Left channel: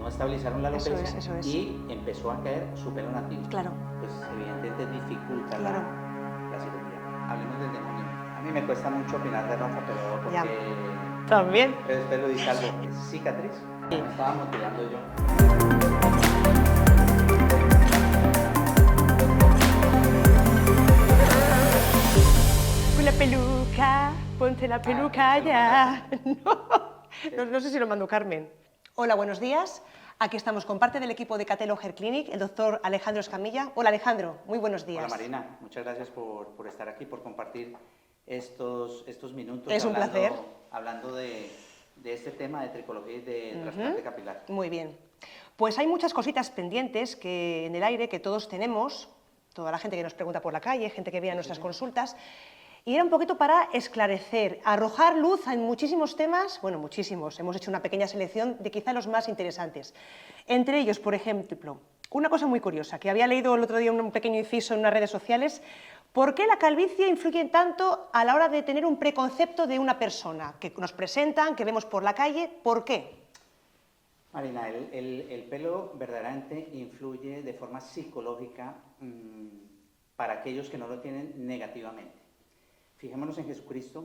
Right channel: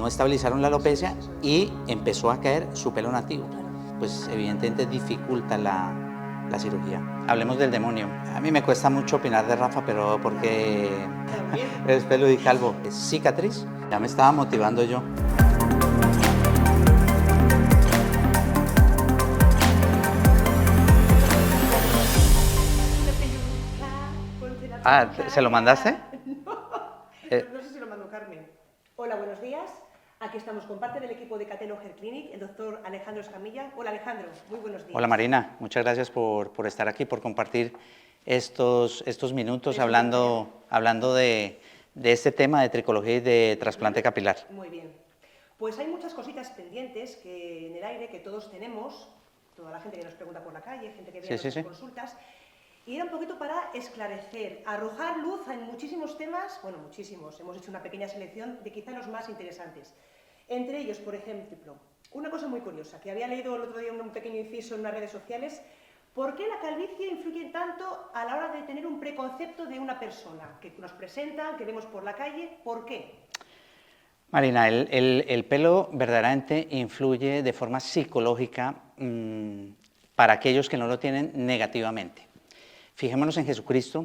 no estabilizaron la alopecia Eso es. y empezó a caer su pelo nativo. Claro. Pues evidentemente dificulta la cirugía. Hablemos del demonio. A mí me cuesta mucho opinar de Rafa, pero porque También. es pelo y calvo. Es cicatriz. Ya me estaba motivando yo. Una peluca, ponte la peluca. ¿se lo ya. mandaste? No sé si lo mandó Carmen. Hola, buenos días. Aquí estamos con parte del equipo de Catelo Hair Clinic, el doctor Alejandro Escamilla. Hola, Alejandro, muy buenos días. Hola Marina, muchas gracias por estar aquí, por compartir estos minutos Es un hablando de este tema de tricología y de trasplante capilar. Muy bien. Pues hay muchas cositas pendientes que en el aire que todos tenemos, toda la gente que nos pregunta por la calle, gente que viene a nuestras consultas, y era un poquito para esclarecer, arrojar luz en muchísimos temas, bueno, muchísimos, hemos hecho una pequeña selección de quizá los más interesantes. Entre ellos, por ejemplo, una cosa muy curiosa, que había leído el otro día un pequeño inciso en unas redes sociales, ¿por qué la calvicie influye tanto a la hora de tener un preconcepto de una persona? Que nos presentan, que vemos por la calle, ¿por qué? Marina, el pelo verdaderamente influye de forma psicológica para aquellos que no lo tienen negativamente. Fijémonos en Jesucristo,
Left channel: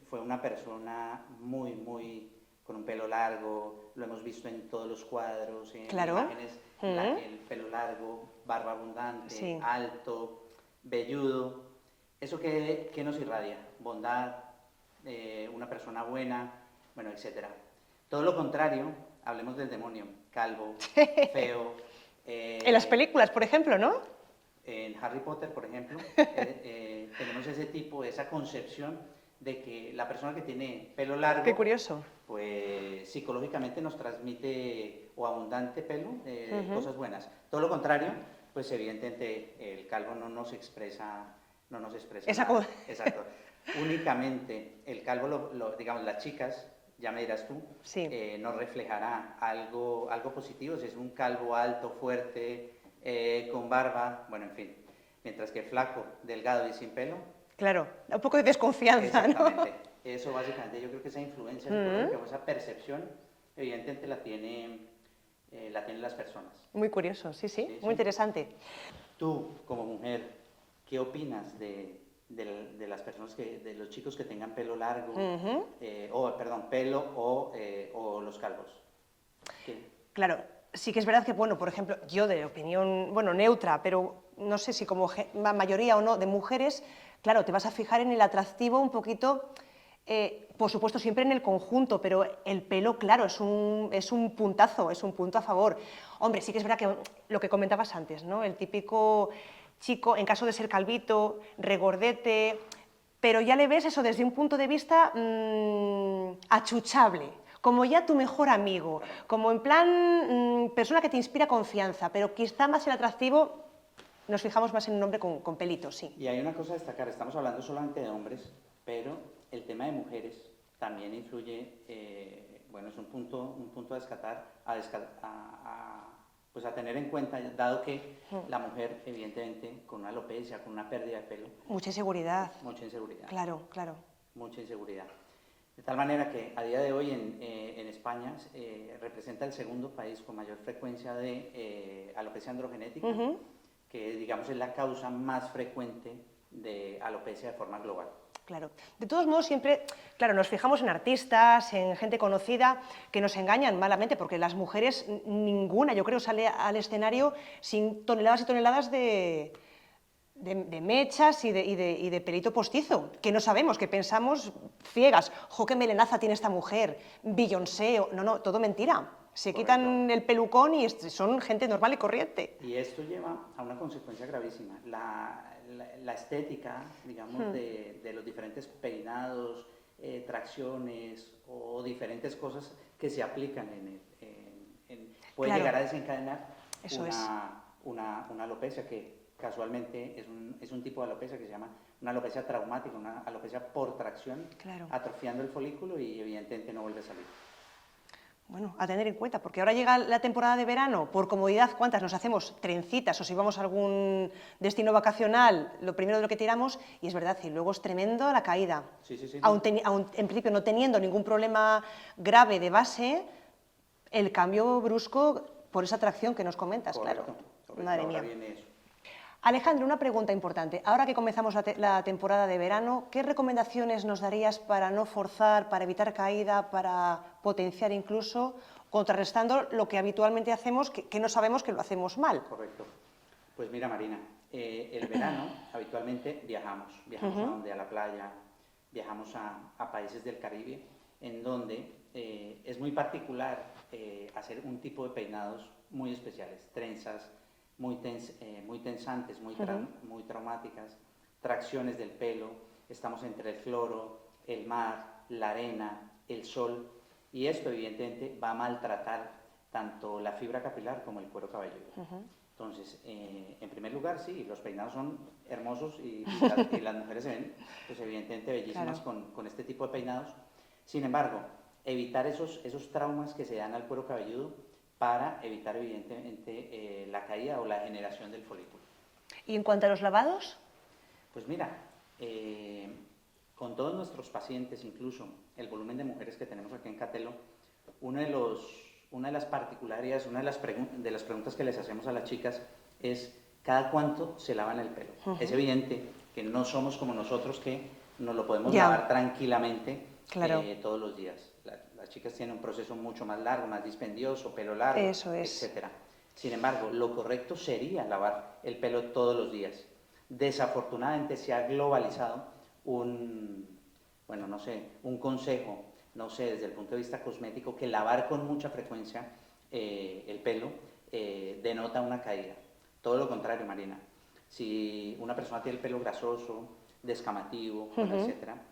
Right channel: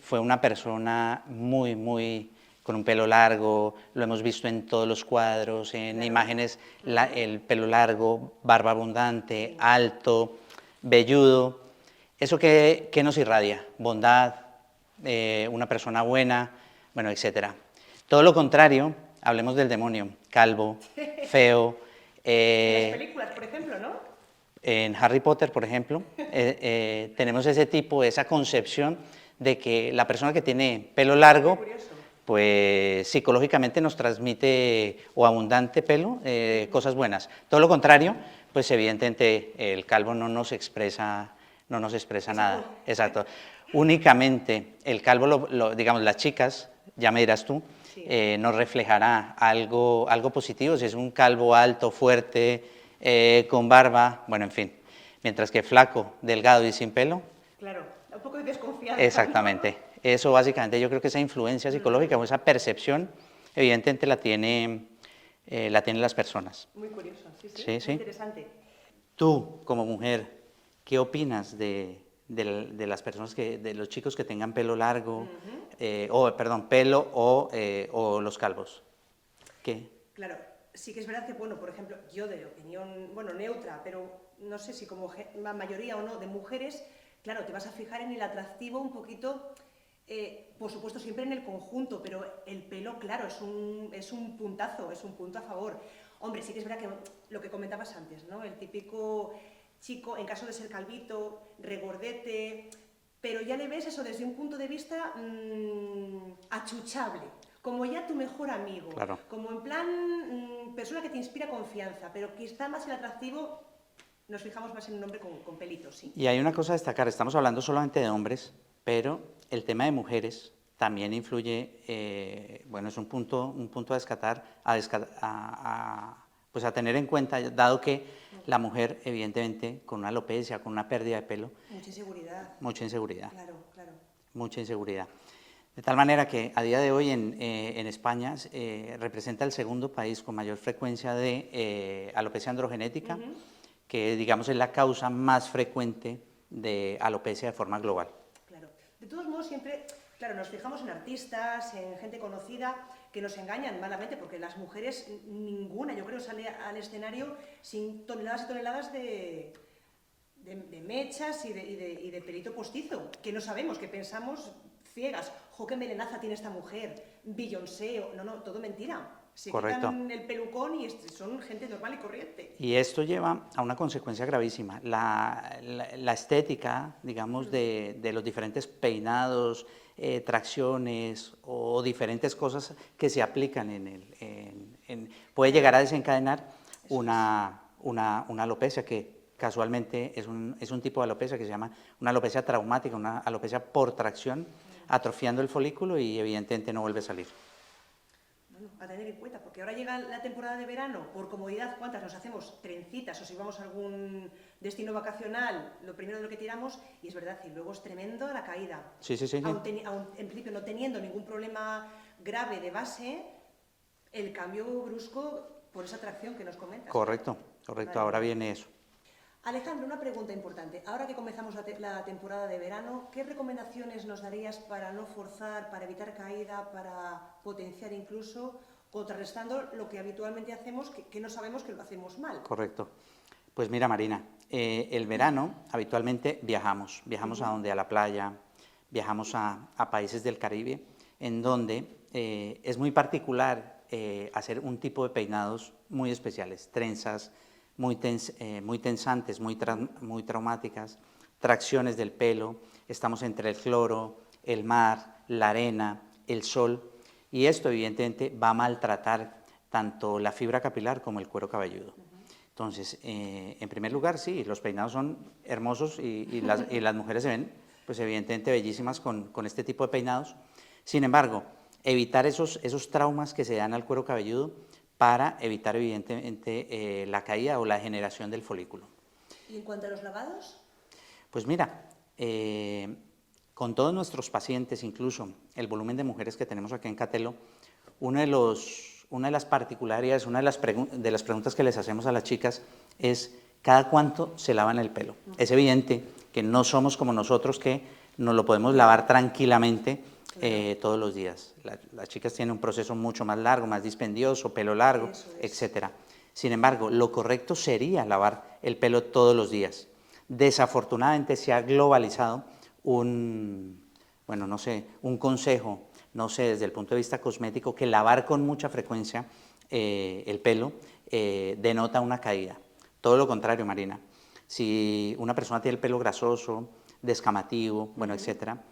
fue una persona muy con un pelo largo, lo hemos visto en todos los cuadros, en imágenes, el pelo largo, barba abundante, alto, velludo. ¿Eso qué nos irradia? Bondad, una persona buena, bueno, etcétera. Todo lo contrario, hablemos del demonio, calvo, feo. En las películas, por ejemplo, ¿no? En Harry Potter, por ejemplo, tenemos ese tipo, esa concepción de que la persona que tiene pelo largo, qué curioso, pues psicológicamente nos transmite o abundante pelo, cosas buenas. Todo lo contrario, pues evidentemente el calvo no nos expresa nada. Exacto. Únicamente el calvo, digamos, las chicas, ya me dirás tú, nos reflejará algo positivo, si es un calvo alto, fuerte, con barba, bueno, en fin. Mientras que flaco, delgado y sin pelo. Claro, un poco de desconfianza. Exactamente. ¿No? Eso básicamente, yo creo que esa influencia psicológica o esa percepción, evidentemente la tienen las personas. Muy curioso, sí, muy interesante. Tú, como mujer, ¿qué opinas de las personas, de los chicos que tengan pelo largo, pelo o los calvos? ¿Qué? Claro, sí que es verdad que, bueno, por ejemplo, yo de opinión, bueno, neutra, pero no sé si como mayoría o no de mujeres, claro, te vas a fijar en el atractivo un poquito, por supuesto siempre en el conjunto, pero el pelo, claro, es un puntazo, es un punto a favor. Hombre, sí que es verdad que lo que comentabas antes, ¿no? El típico chico, en caso de ser calvito, regordete, pero ya le ves eso desde un punto de vista achuchable, como ya tu mejor amigo, claro, como en plan persona que te inspira confianza, pero quizá más el atractivo nos fijamos más en un hombre con pelitos, sí. Y hay una cosa a destacar, estamos hablando solamente de hombres, pero el tema de mujeres también influye, bueno, es un punto a descartar, pues a tener en cuenta, dado que la mujer, evidentemente, con una alopecia, con una pérdida de pelo... Mucha inseguridad. Mucha inseguridad. Claro. Mucha inseguridad. De tal manera que a día de hoy en España representa el segundo país con mayor frecuencia de alopecia androgenética, que digamos es la causa más frecuente de alopecia de forma global. Claro. De todos modos, siempre, claro, nos fijamos en artistas, en gente conocida, que nos engañan malamente, porque las mujeres, ninguna, yo creo, sale al escenario sin toneladas y toneladas de mechas y de pelito postizo, que no sabemos, que pensamos ciegas. ¡Jo, qué melenaza tiene esta mujer! Beyoncé, no, todo mentira. Se quitan el pelucón y son gente normal y corriente. Y esto lleva a una consecuencia gravísima. La estética, digamos, de los diferentes peinados, tracciones o diferentes cosas que se aplican puede llegar a desencadenar una alopecia que casualmente es un tipo de alopecia que se llama una alopecia traumática, una alopecia por tracción, atrofiando el folículo y evidentemente no vuelve a salir. Bueno, a tener en cuenta, porque ahora llega la temporada de verano, por comodidad, ¿cuántas nos hacemos? Trencitas, o si vamos a algún destino vacacional, lo primero de lo que tiramos, y es verdad, y luego es tremendo la caída. Sí. Aún en principio no teniendo ningún problema grave de base, el cambio brusco por esa atracción que nos comentas. Correcto, claro. correcto, Madre ahora mía. viene eso. Alejandro, una pregunta importante. Ahora que comenzamos la temporada de verano, ¿qué recomendaciones nos darías para no forzar, para evitar caída, para potenciar incluso, contrarrestando lo que habitualmente hacemos, que no sabemos que lo hacemos mal? Correcto. Pues mira, Marina, el verano habitualmente viajamos a donde, a la playa, viajamos a países del Caribe, en donde es muy particular hacer un tipo de peinados muy especiales, trenzas muy tensantes, muy traumáticas, tracciones del pelo, estamos entre el cloro, el mar, la arena, el sol, y esto evidentemente va a maltratar tanto la fibra capilar como el cuero cabelludo. Entonces, en primer lugar, sí, los peinados son hermosos y las mujeres se ven, pues evidentemente bellísimas con este tipo de peinados. Sin embargo, evitar esos traumas que se dan al cuero cabelludo para evitar evidentemente la caída o la degeneración del folículo. ¿Y en cuanto a los lavados? Pues mira, con todos nuestros pacientes, incluso el volumen de mujeres que tenemos aquí en Catelo, una de las particularidades, una de las preguntas que les hacemos a las chicas es ¿cada cuánto se lavan el pelo? Es evidente que no somos como nosotros que nos lo podemos lavar tranquilamente todos los días. Las chicas tienen un proceso mucho más largo, más dispendioso, pelo largo, etcétera. Sin embargo, lo correcto sería lavar el pelo todos los días. Desafortunadamente se ha globalizado un consejo, no sé, desde el punto de vista cosmético, que lavar con mucha frecuencia el pelo denota una caída. Todo lo contrario, Marina. Si una persona tiene el pelo grasoso, descamativo, bueno, etcétera,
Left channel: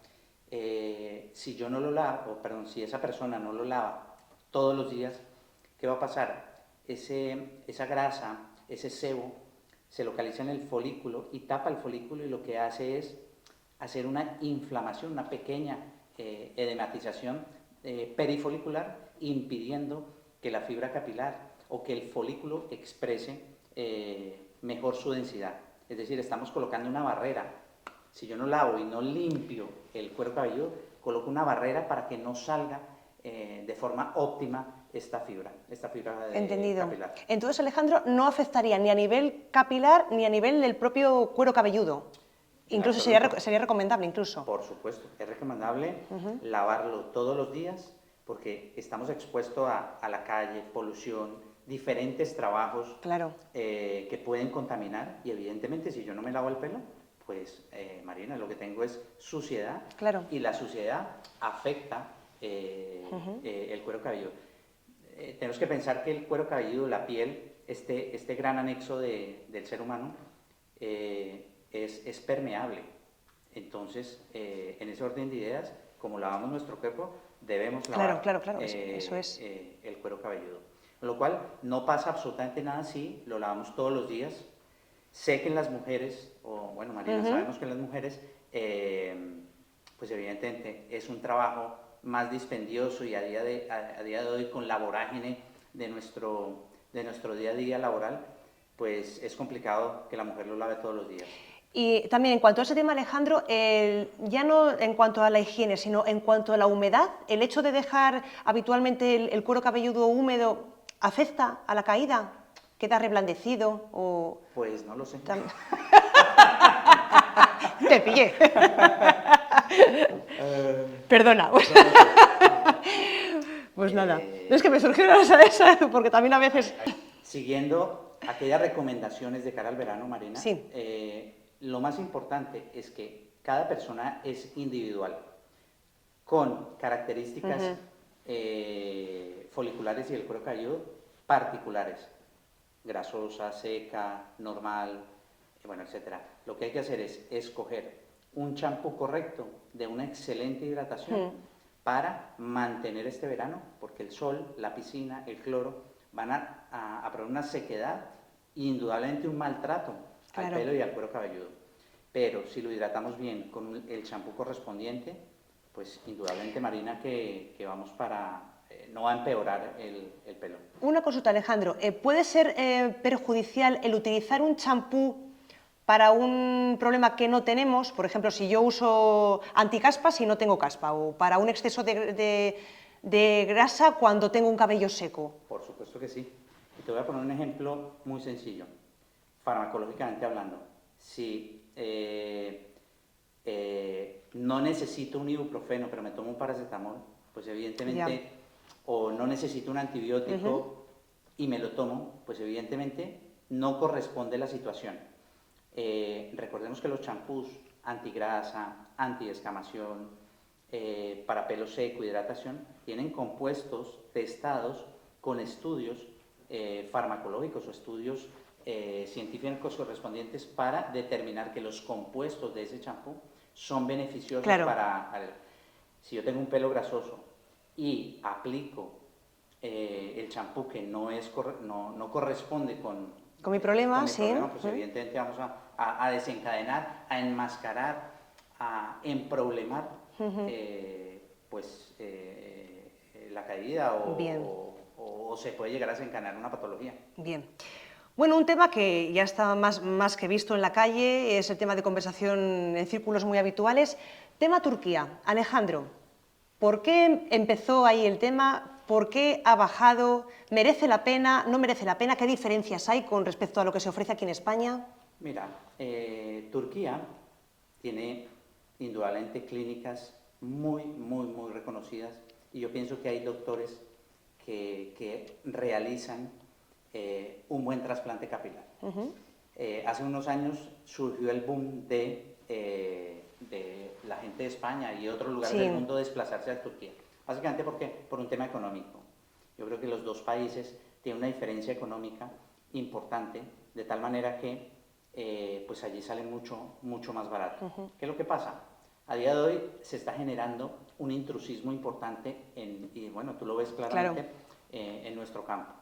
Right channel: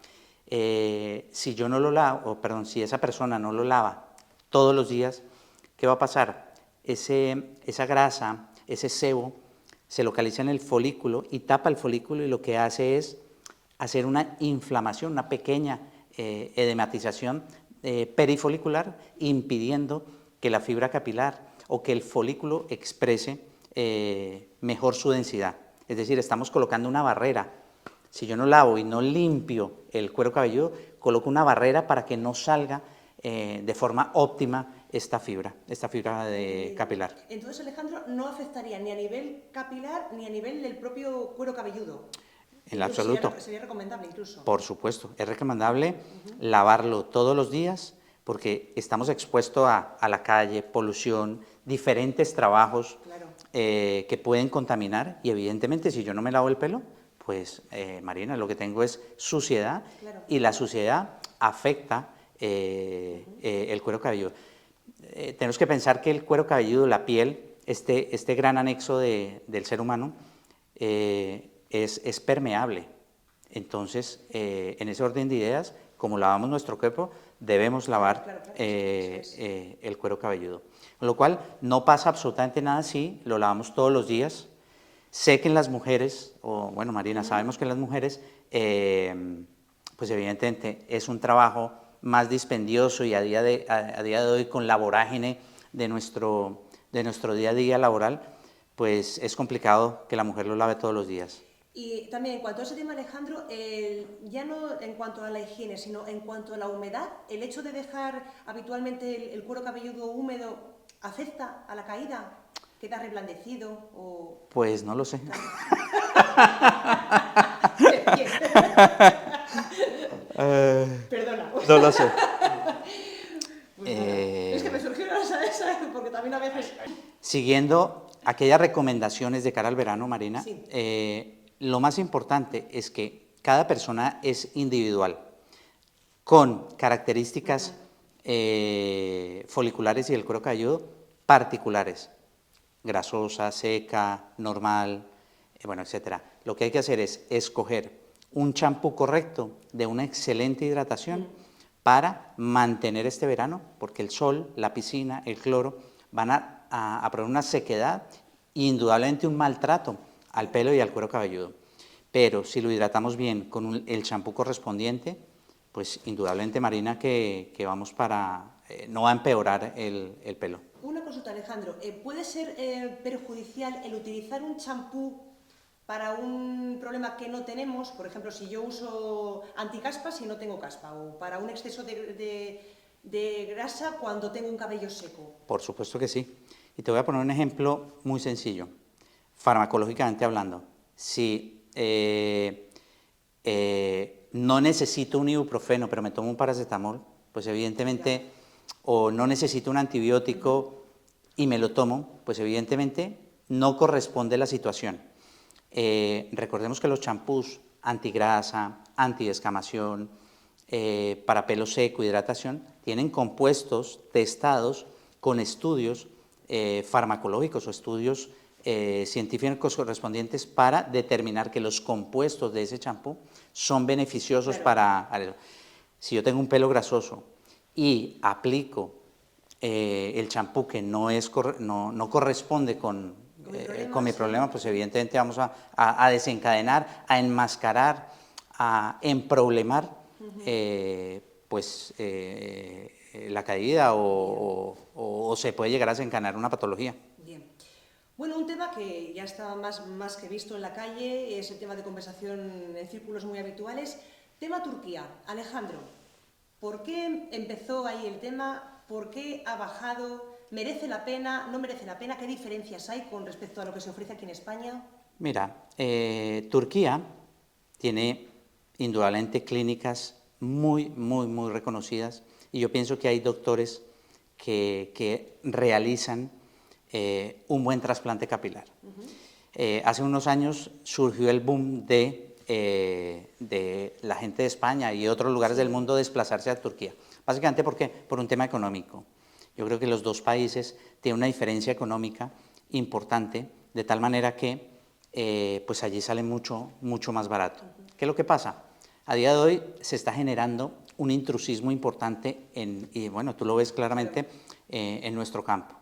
si yo no lo lavo, si esa persona no lo lava todos los días, ¿qué va a pasar? Esa grasa, ese sebo, se localiza en el folículo y tapa el folículo y lo que hace es hacer una inflamación, una pequeña edematización perifolicular, impidiendo que la fibra capilar o que el folículo exprese mejor su densidad. Es decir, estamos colocando una barrera. Si yo no lavo y no limpio el cuero cabelludo, coloco una barrera para que no salga de forma óptima esta fibra capilar. Entonces, Alejandro, no afectaría ni a nivel capilar ni a nivel del propio cuero cabelludo. Incluso sería recomendable, incluso. Por supuesto, es recomendable lavarlo todos los días porque estamos expuestos a la calle, polución, diferentes trabajos que pueden contaminar y evidentemente si yo no me lavo el pelo, pues Marina, lo que tengo es suciedad y la suciedad afecta el cuero cabelludo. Tenemos que pensar que el cuero cabelludo, la piel, este gran anexo del ser humano, es permeable. Entonces, en ese orden de ideas, como lavamos nuestro cuerpo, debemos lavar el cuero cabelludo. Con lo cual, no pasa absolutamente nada si lo lavamos todos los días. Sé que en las mujeres, bueno, Marina, sabemos que en las mujeres, pues evidentemente es un trabajo más dispendioso y a día de hoy con la vorágine de nuestro día a día laboral, pues es complicado que la mujer lo lave todos los días. Y también en cuanto a ese tema, Alejandro, ya no en cuanto a la higiene, sino en cuanto a la humedad, ¿el hecho de dejar habitualmente el cuero cabelludo húmedo afecta a la caída? ¿Queda reblandecido? O... Pues no lo sé. Te pillé. Perdona. No lo sé. Pues nada, es que me surgió esa, porque también a veces... Siguiendo aquellas recomendaciones de cara al verano, Marina, sí. Lo más importante es que cada persona es individual, con características foliculares y del cuero cabelludo particulares, grasosa, seca, normal, bueno, etc. Lo que hay que hacer es escoger un champú correcto de una excelente hidratación para mantener este verano, porque el sol, la piscina, el cloro van a provocar una sequedad e indudablemente un maltrato al pelo y al cuero cabelludo. Pero si lo hidratamos bien con el champú correspondiente, pues indudablemente, Marina, que vamos no va a empeorar el pelo. Una consulta, Alejandro. ¿Puede ser perjudicial el utilizar un champú para un problema que no tenemos? Por ejemplo, si yo uso anticaspa si no tengo caspa, o para un exceso de de grasa cuando tengo un cabello seco? Por supuesto que sí. Y te voy a poner un ejemplo muy sencillo, farmacológicamente hablando. Si no necesito un ibuprofeno, pero me tomo un paracetamol, pues evidentemente, o no necesito un antibiótico y me lo tomo, pues evidentemente no corresponde la situación. Recordemos que los champús antigrasa, antidescamación, para pelo seco, hidratación, tienen compuestos testados con estudios farmacológicos o estudios científicos correspondientes para determinar que los compuestos de ese champú son beneficiosos para... Si yo tengo un pelo grasoso y aplico el champú que no corresponde con mi problema, pues evidentemente vamos a desencadenar, a enmascarar, a emproblemar la caída o se puede llegar a desencadenar una patología. Bien. Bueno, un tema que ya está más que visto en la calle, es el tema de conversación en círculos muy habituales. Tema Turquía. Alejandro, ¿por qué empezó ahí el tema? ¿Por qué ha bajado? ¿Merece la pena? ¿No merece la pena? ¿Qué diferencias hay con respecto a lo que se ofrece aquí en España? Mira, Turquía tiene indudablemente clínicas muy reconocidas y yo pienso que hay doctores que realizan un buen trasplante capilar. Hace unos años surgió el boom de la gente de España y otros lugares del mundo desplazarse a Turquía. Básicamente, ¿por qué? Por un tema económico. Yo creo que los dos países tienen una diferencia económica importante, de tal manera que pues allí sale mucho más barato. ¿Qué es lo que pasa? A día de hoy se está generando un intrusismo importante y bueno, tú lo ves claramente en nuestro campo.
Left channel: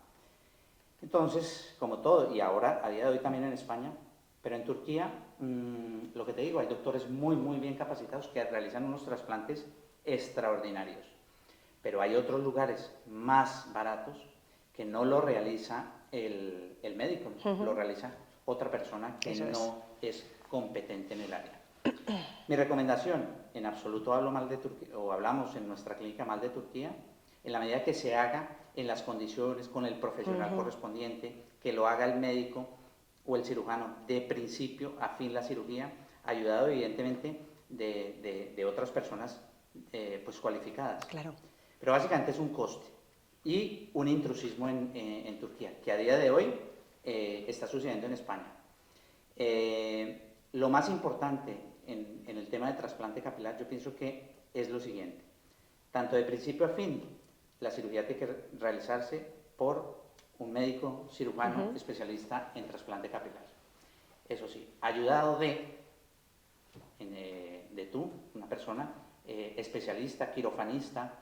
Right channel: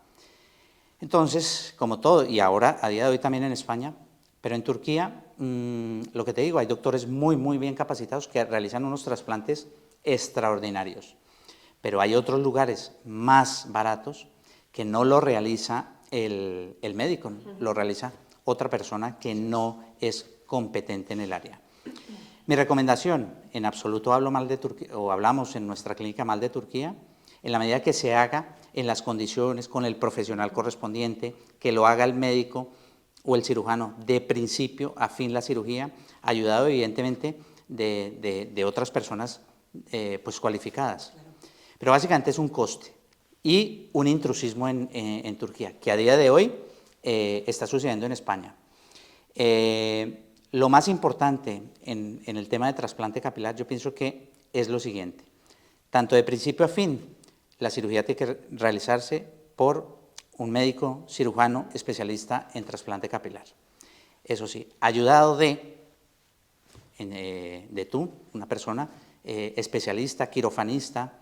Entonces, como todo, y ahora a día de hoy también en España, pero en Turquía, lo que te digo, hay doctores muy bien capacitados que realizan unos trasplantes extraordinarios. Pero hay otros lugares más baratos que no lo realiza el médico, lo realiza otra persona que no es competente en el área. Mi recomendación, en absoluto hablo mal de Turquía, o hablamos en nuestra clínica mal de Turquía, en la medida que se haga en las condiciones, con el profesional correspondiente, que lo haga el médico o el cirujano de principio a fin la cirugía, ayudado evidentemente de otras personas pues cualificadas. Claro. Pero básicamente es un coste y un intrusismo en Turquía, que a día de hoy está sucediendo en España. Lo más importante en el tema de trasplante capilar, yo pienso que es lo siguiente. Tanto de principio a fin, la cirugía tiene que realizarse por un médico cirujano especialista en trasplante capilar. Eso sí, ayudado de tú, una persona especialista, quirofanista,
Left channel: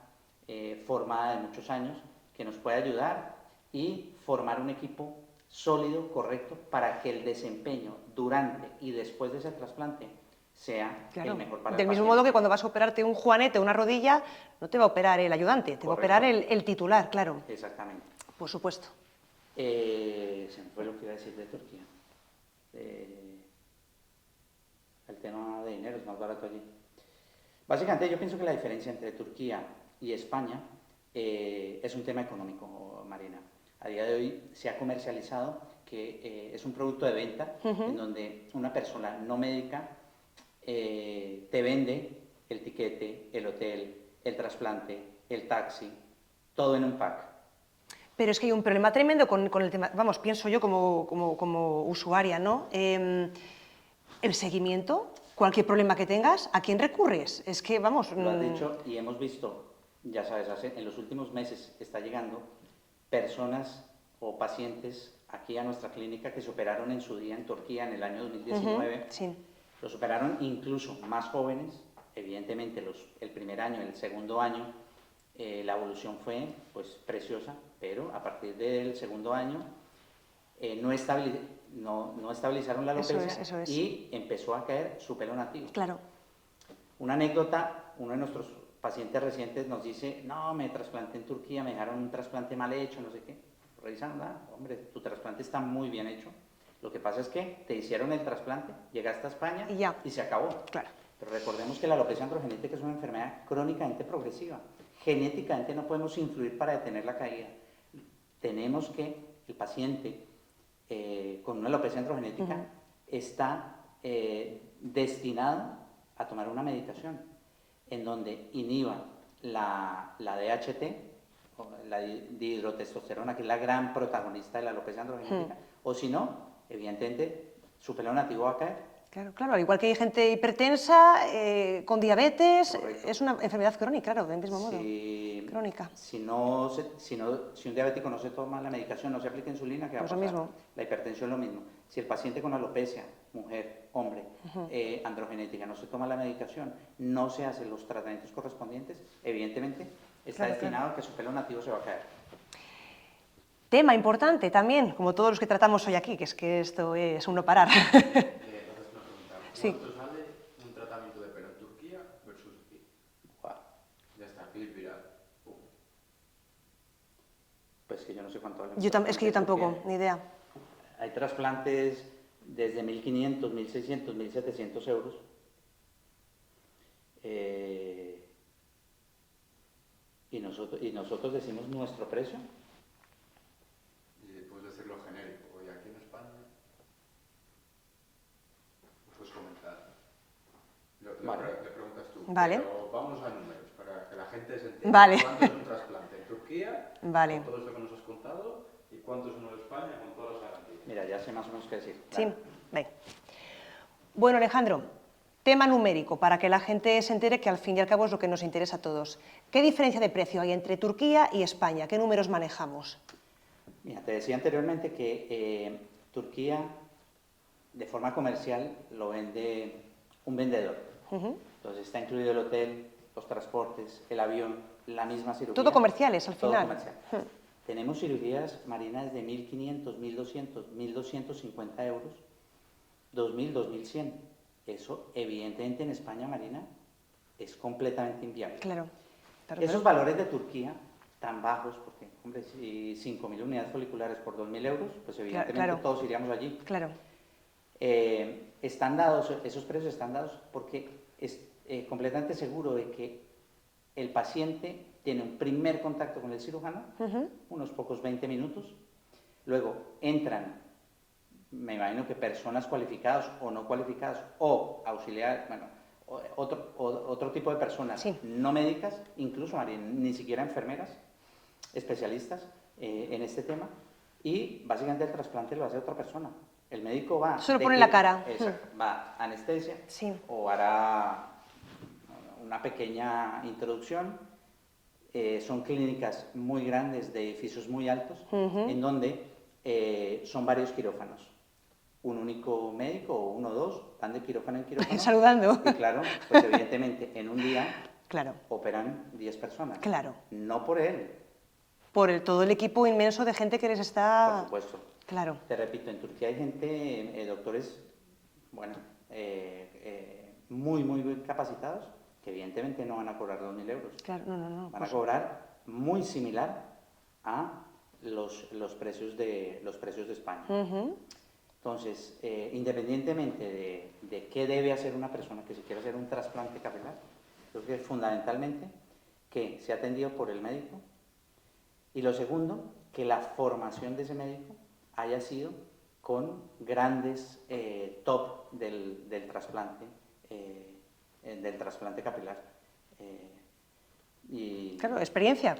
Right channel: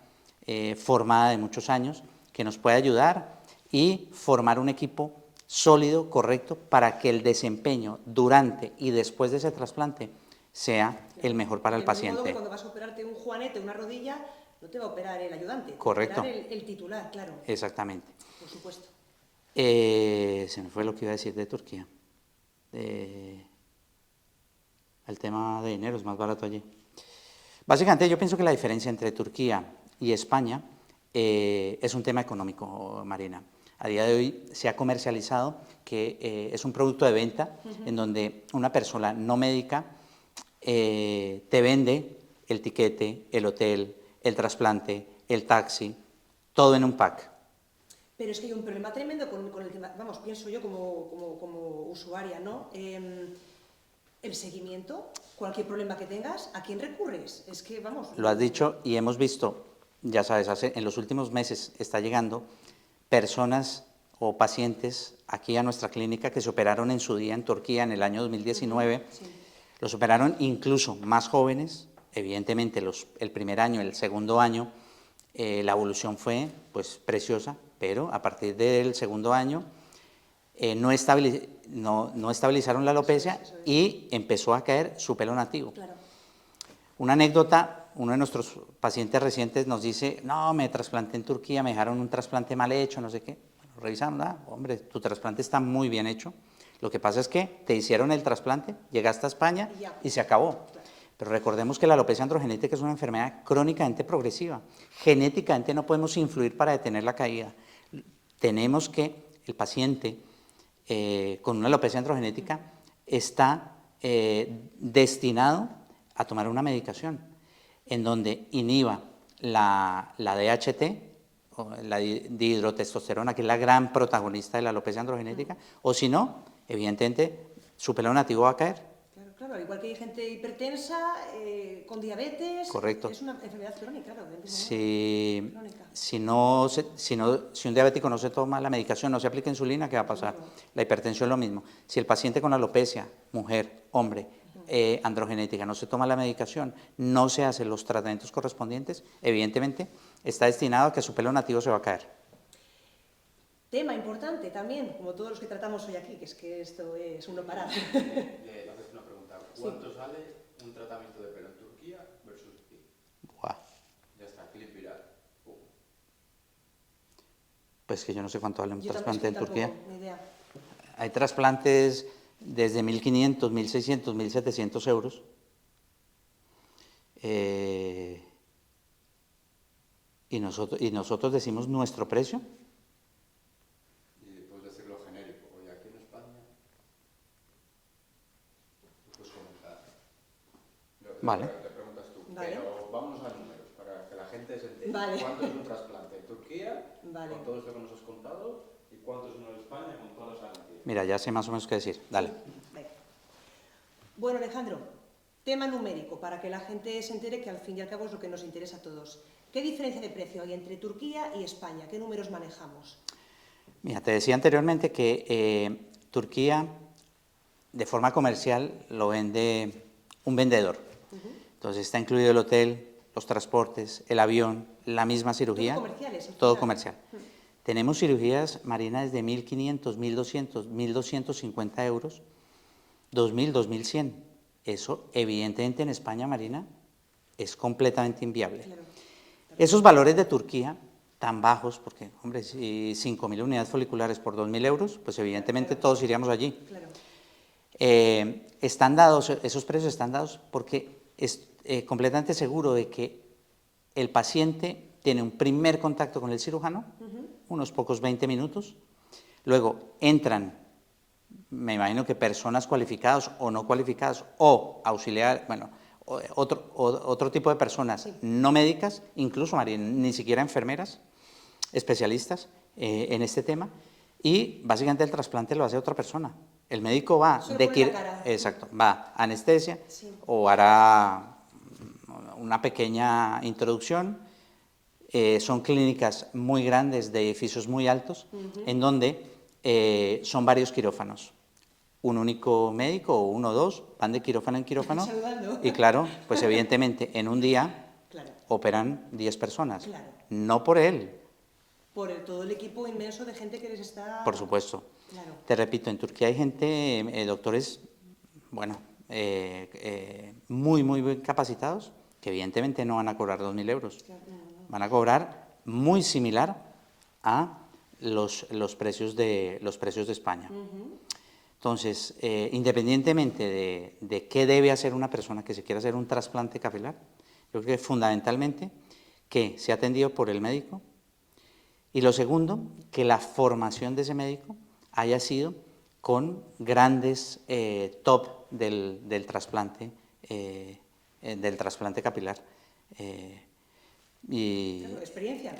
formada de muchos años, que nos puede ayudar y formar un equipo sólido, correcto, para que el desempeño durante y después de ese trasplante sea el mejor para el paciente. Del mismo modo que cuando vas a operarte un juanete o una rodilla, no te va a operar el ayudante, te va a operar el titular, claro. Exactamente. Por supuesto. Se me fue lo que iba a decir de Turquía. El tema de dinero es más barato allí. Básicamente yo pienso que la diferencia entre Turquía y España es un tema económico, Marina. A día de hoy se ha comercializado que es un producto de venta en donde una persona no médica te vende el tiquete, el hotel, el trasplante, el taxi, todo en un pack. Pero es que hay un problema tremendo con el tema, vamos, pienso yo como usuaria, ¿no? El seguimiento, cualquier problema que tengas, ¿a quién recurres? Es que, vamos... Lo has dicho y hemos visto, ya sabes, en los últimos meses está llegando personas o pacientes aquí a nuestra clínica que se operaron en su día en Turquía en el año 2019. Sí. Los operaron incluso más jóvenes, evidentemente el primer año, el segundo año, la evolución fue pues preciosa, pero a partir del segundo año no estabilizaron la alopecia eso es. y empezó a caer su pelo nativo. Claro. Una anécdota, uno de nuestros pacientes recientes nos dice, no, me trasplanté en Turquía, me dejaron un trasplante mal hecho, no sé qué. Revisaron, hombre, tu trasplante está muy bien hecho. Lo que pasa es que te hicieron el trasplante, llegaste a España y se acabó. Claro. Pero recordemos que la alopecia androgenética es una enfermedad crónicamente progresiva. Genéticamente no podemos influir para detener la caída. Tenemos que el paciente con una alopecia androgenética está destinado a tomar una medicación en donde inhiba la DHT, o la dihidrotestosterona, que es la gran protagonista de la alopecia androgenética, o si no, evidentemente, su pelo nativo va a caer. Claro, claro, al igual que hay gente hipertensa, con diabetes, Correcto. es una enfermedad crónica, claro, del mismo modo. Crónica. Si un diabético no se toma la medicación, no se aplica insulina, ¿qué va a pasar? La hipertensión es lo mismo. Si el paciente con alopecia, mujer, hombre, androgenética, no se toma la medicación, no se hacen los tratamientos correspondientes, evidentemente está destinado a que su pelo nativo se va a caer. Tema importante también, como todos los que tratamos hoy aquí, que es que esto es un no parar. ¿Cuánto sale un tratamiento de pelo en Turquía versus aquí? Wow. Ya está, clip viral. Pues que yo no sé cuánto vale un Es que trasplante yo en tampoco, Turquía. ni idea. Hay trasplantes desde 1.500, 1.600, 1.700 euros. Y nosotros decimos nuestro precio. Y después de hacerlo genérico, y aquí en España, puedes comentar. Vale. Le preguntas tú. Vale. Pero vámonos a números, para que la gente se entienda. Vale. ¿Cuánto es un trasplante en Turquía? Vale. Con todo esto que nos has contado. ¿Y cuánto es uno de España con todas las garantías? Mira, ya sé más o menos qué decir. Dale. Sí, venga. Bueno, Alejandro, tema numérico, para que la gente se entere que al fin y al cabo es lo que nos interesa a todos. ¿Qué diferencia de precio hay entre Turquía y España? ¿Qué números manejamos? Mira, te decía anteriormente que Turquía, de forma comercial, lo vende un vendedor. Entonces está incluido el hotel, los transportes, el avión, la misma cirugía. Todo comerciales, al final. Todo comercial. Tenemos cirugías, Marina, desde 1.500, 1.200, 1.250 euros, 2.000, 2.100. Eso, evidentemente, en España, Marina, es completamente inviable. Claro. Esos valores de Turquía tan bajos, porque, hombre, si 5.000 unidades foliculares por 2.000 euros, pues evidentemente Claro. todos iríamos allí. Claro. Están dados, esos precios están dados porque es completamente seguro de que el paciente tiene un primer contacto con el cirujano, unos pocos 20 minutos, luego entran, me imagino que personas cualificadas o no cualificadas, o auxiliar, bueno, otro tipo de personas Sí. no médicas, incluso ni siquiera enfermeras, especialistas en este tema, y básicamente el trasplante lo hace otra persona. El médico va... Solo pone la cara. Exacto, va a anestesia, Sí. o hará una pequeña introducción. Son clínicas muy grandes, de edificios muy altos, en donde son varios quirófanos. Un único médico o uno o dos van de quirófano en quirófano. Saludando. Y claro, pues evidentemente en un día Claro. operan 10 personas. Claro. No por él, Por todo el equipo inmenso de gente que les está... por supuesto. Claro. Te repito, en Turquía hay gente, doctores, bueno, muy, muy capacitados, que evidentemente no van a cobrar 2.000 euros. Claro, no. Van a cobrar muy similar a los precios de España. Entonces, independientemente de qué debe hacer una persona que se quiera hacer un trasplante capilar, creo que fundamentalmente que sea atendido por el médico, y lo segundo, que la formación de ese médico haya sido con grandes top del trasplante capilar. Claro, experiencia,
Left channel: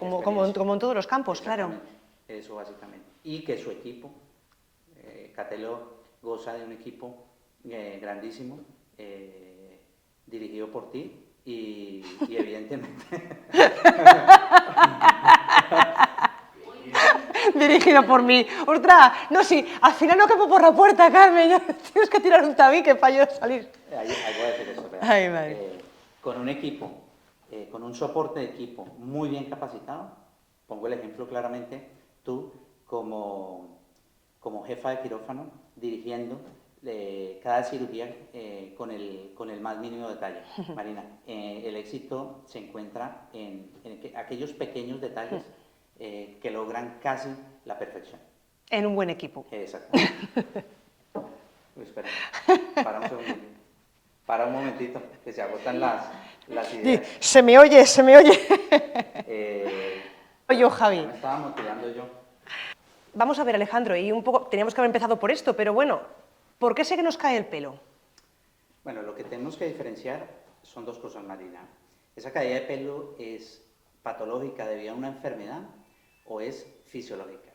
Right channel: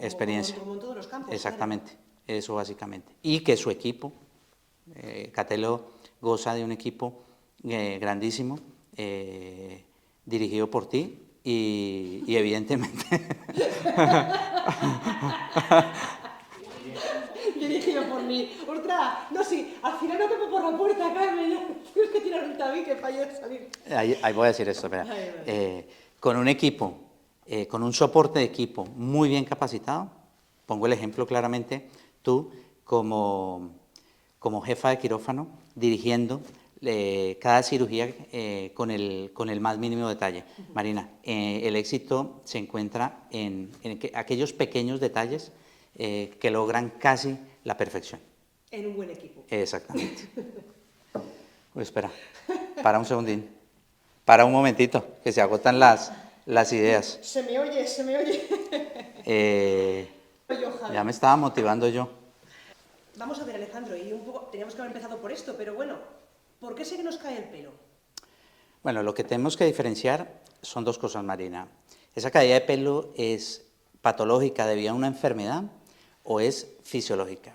como en todos los campos. Exactamente, claro. Eso básicamente. Y que su equipo, Catelo goza de un equipo grandísimo, dirigido por ti y evidentemente... Dirigido por mí. ¡Ostras! No, sí, al final no capo por la puerta, Carmen. Ya tienes que tirar un tabique para yo salir. Ahí voy a decir esto. Ay, vale. Con un equipo, con un soporte de equipo muy bien capacitado, pongo el ejemplo claramente, tú como jefa de quirófano, dirigiendo cada cirugía con el más mínimo detalle. Marina, el éxito se encuentra en aquellos pequeños detalles que logran casi la perfección. En un buen equipo. Exactamente. Pues espera, para un segundín. Para un momentito, que se agotan las ideas. Se me oye, se me oye. Yo, Javi. Ya me estaba motivando yo. Vamos a ver, Alejandro, y un poco, teníamos que haber empezado por esto, pero bueno, ¿por qué sé que nos cae el pelo? Bueno, lo que tenemos que diferenciar son dos cosas, Marina. ¿Esa caída de pelo es patológica debido a una enfermedad o es fisiológica?